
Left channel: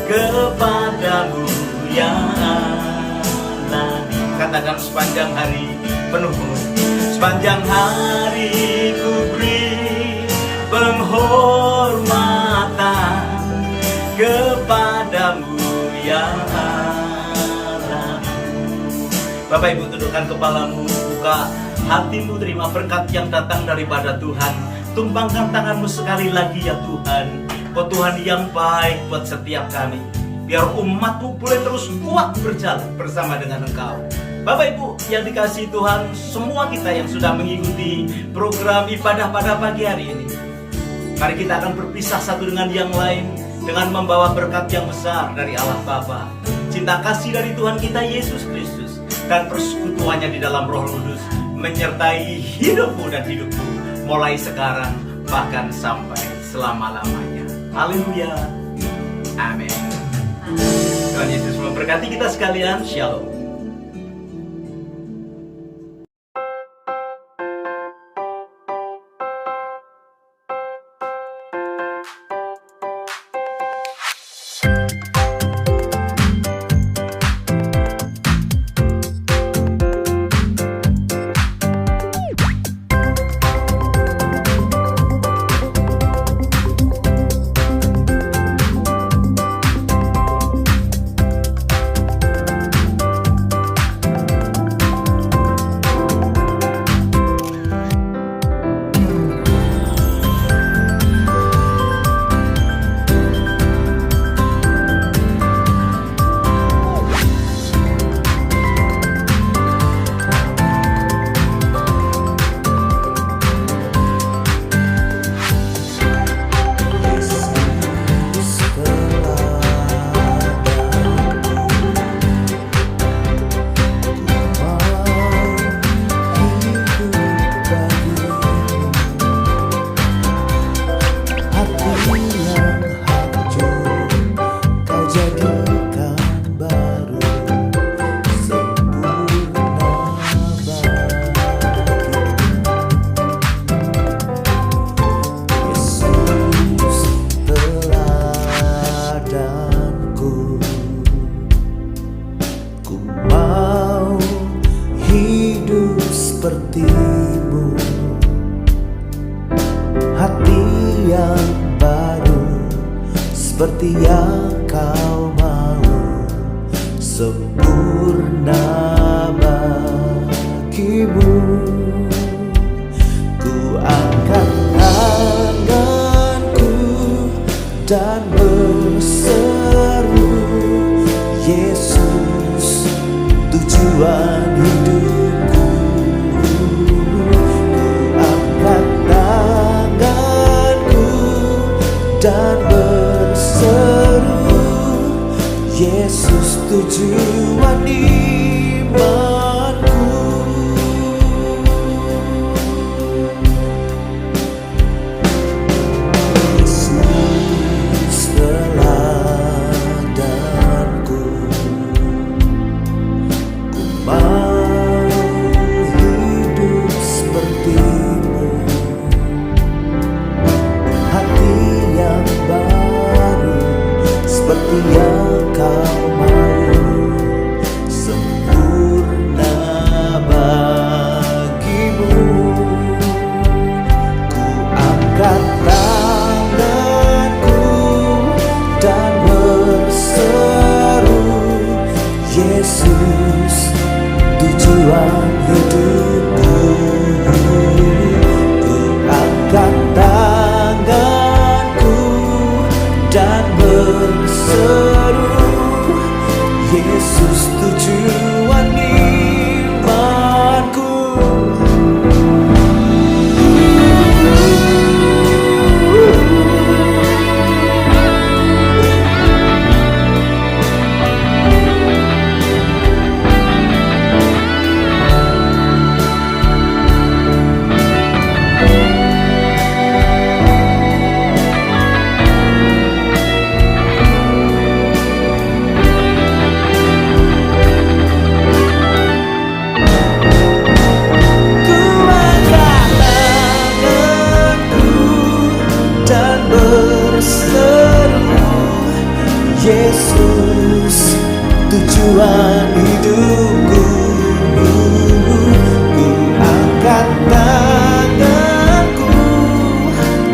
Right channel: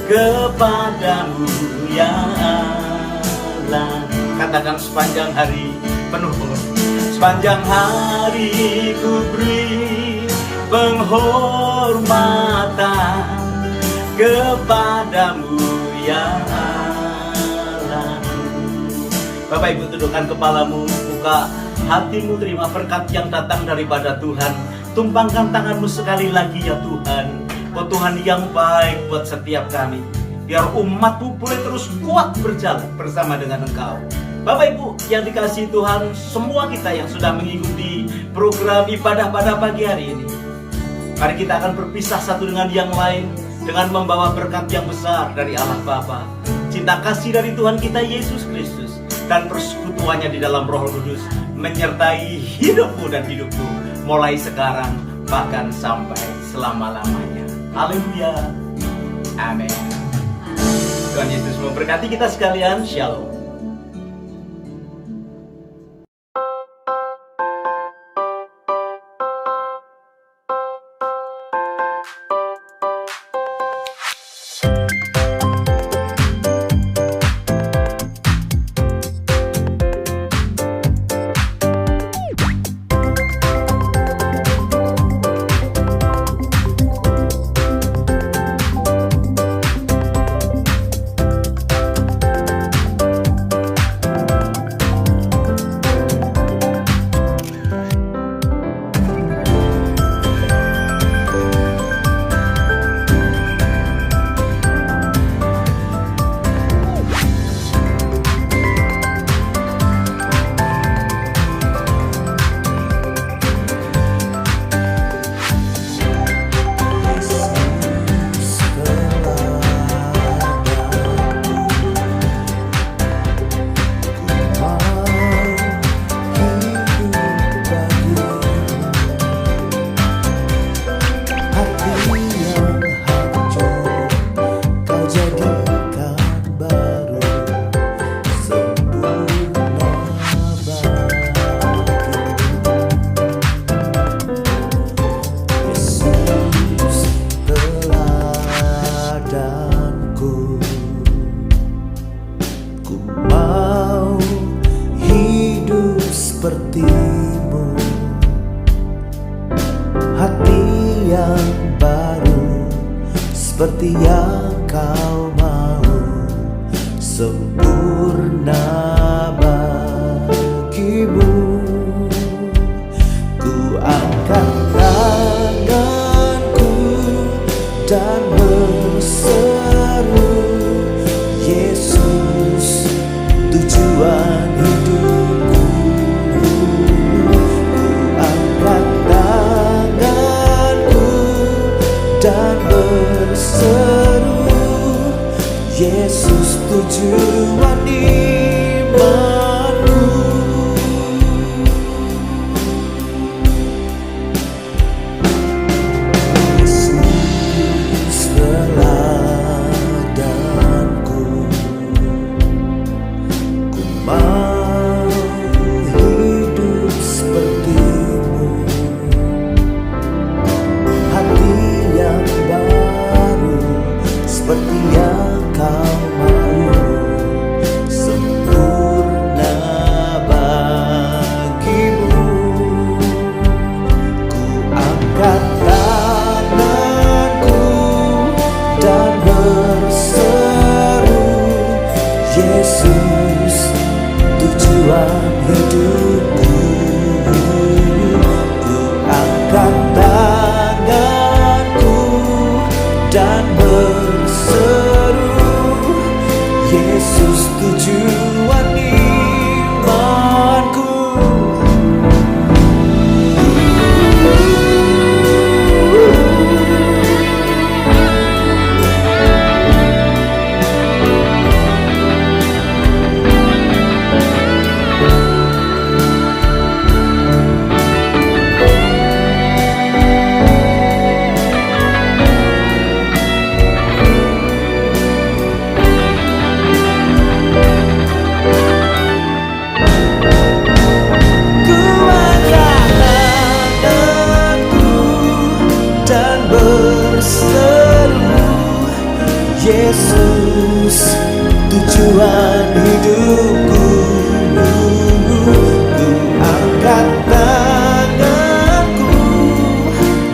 kepadamu ya Allah. Katakan sepanjang hari penuh. Sepanjang hari ku beri penghormatan kepadamu ya Allah. Bapak Ibu, tundukkan kepalamu, buka hatimu, terima berkat yang datang daripada Tuhan. Tumpangkan tanganmu sekali lagi ya Tuhan. Kau Tuhan yang baik buat setiap kami. Biar umatmu boleh terus kuat berjalan bersama dengan Engkau. Bapak Ibu yang dikasihi Tuhan, semua kita yang sudah mengikuti program ibadah pada pagi hari ini, mari kita akan berpisah satu dengan yang lain dengan membawa berkat yang besar dari Allah Bapa, cinta kasih dari Tuhan kita Yesus Kristus, dan persekutuannya di dalam Roh Kudus menyertai hidupmu dan hidupku mulai sekarang bahkan sampai selama-lamanya. Haleluya. Amin. Tuhan Yesus memberkati kita sekalian. Shalom. sepertimu, hati yang baru seperti yang kau mau, sempurna bagimu. Ku angkat tanganku dan berseru, Yesus tujuan hidupku. Ku angkat tanganku dan berseru, Yesus tujuan imanku. Yesus teladanku, ku mau hidup sepertimu, hati yang baru seperti yang kau mau, sempurna bagimu. Ku angkat tanganku dan berseru, Yesus tujuan hidupku. Ku angkat tanganku dan berseru, Yesus tujuan imanku. tujuan hidupku. Ku angkat tanganku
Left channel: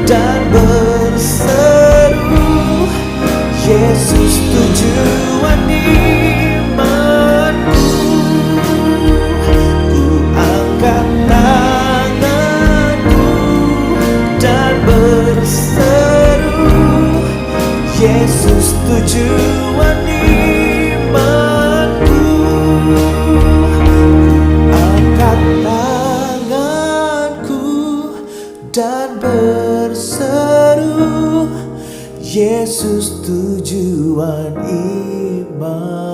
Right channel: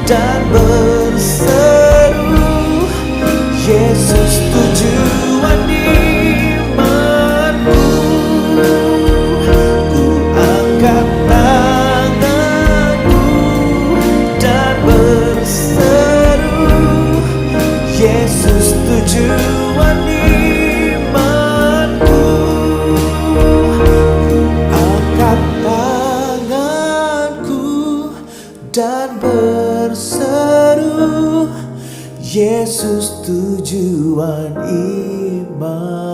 dan berseru, Yesus tujuan imanku. Ku angkat tanganku dan berseru, Yesus tujuan imanku. Ku angkat tanganku dan berseru, Yesus tujuan iman.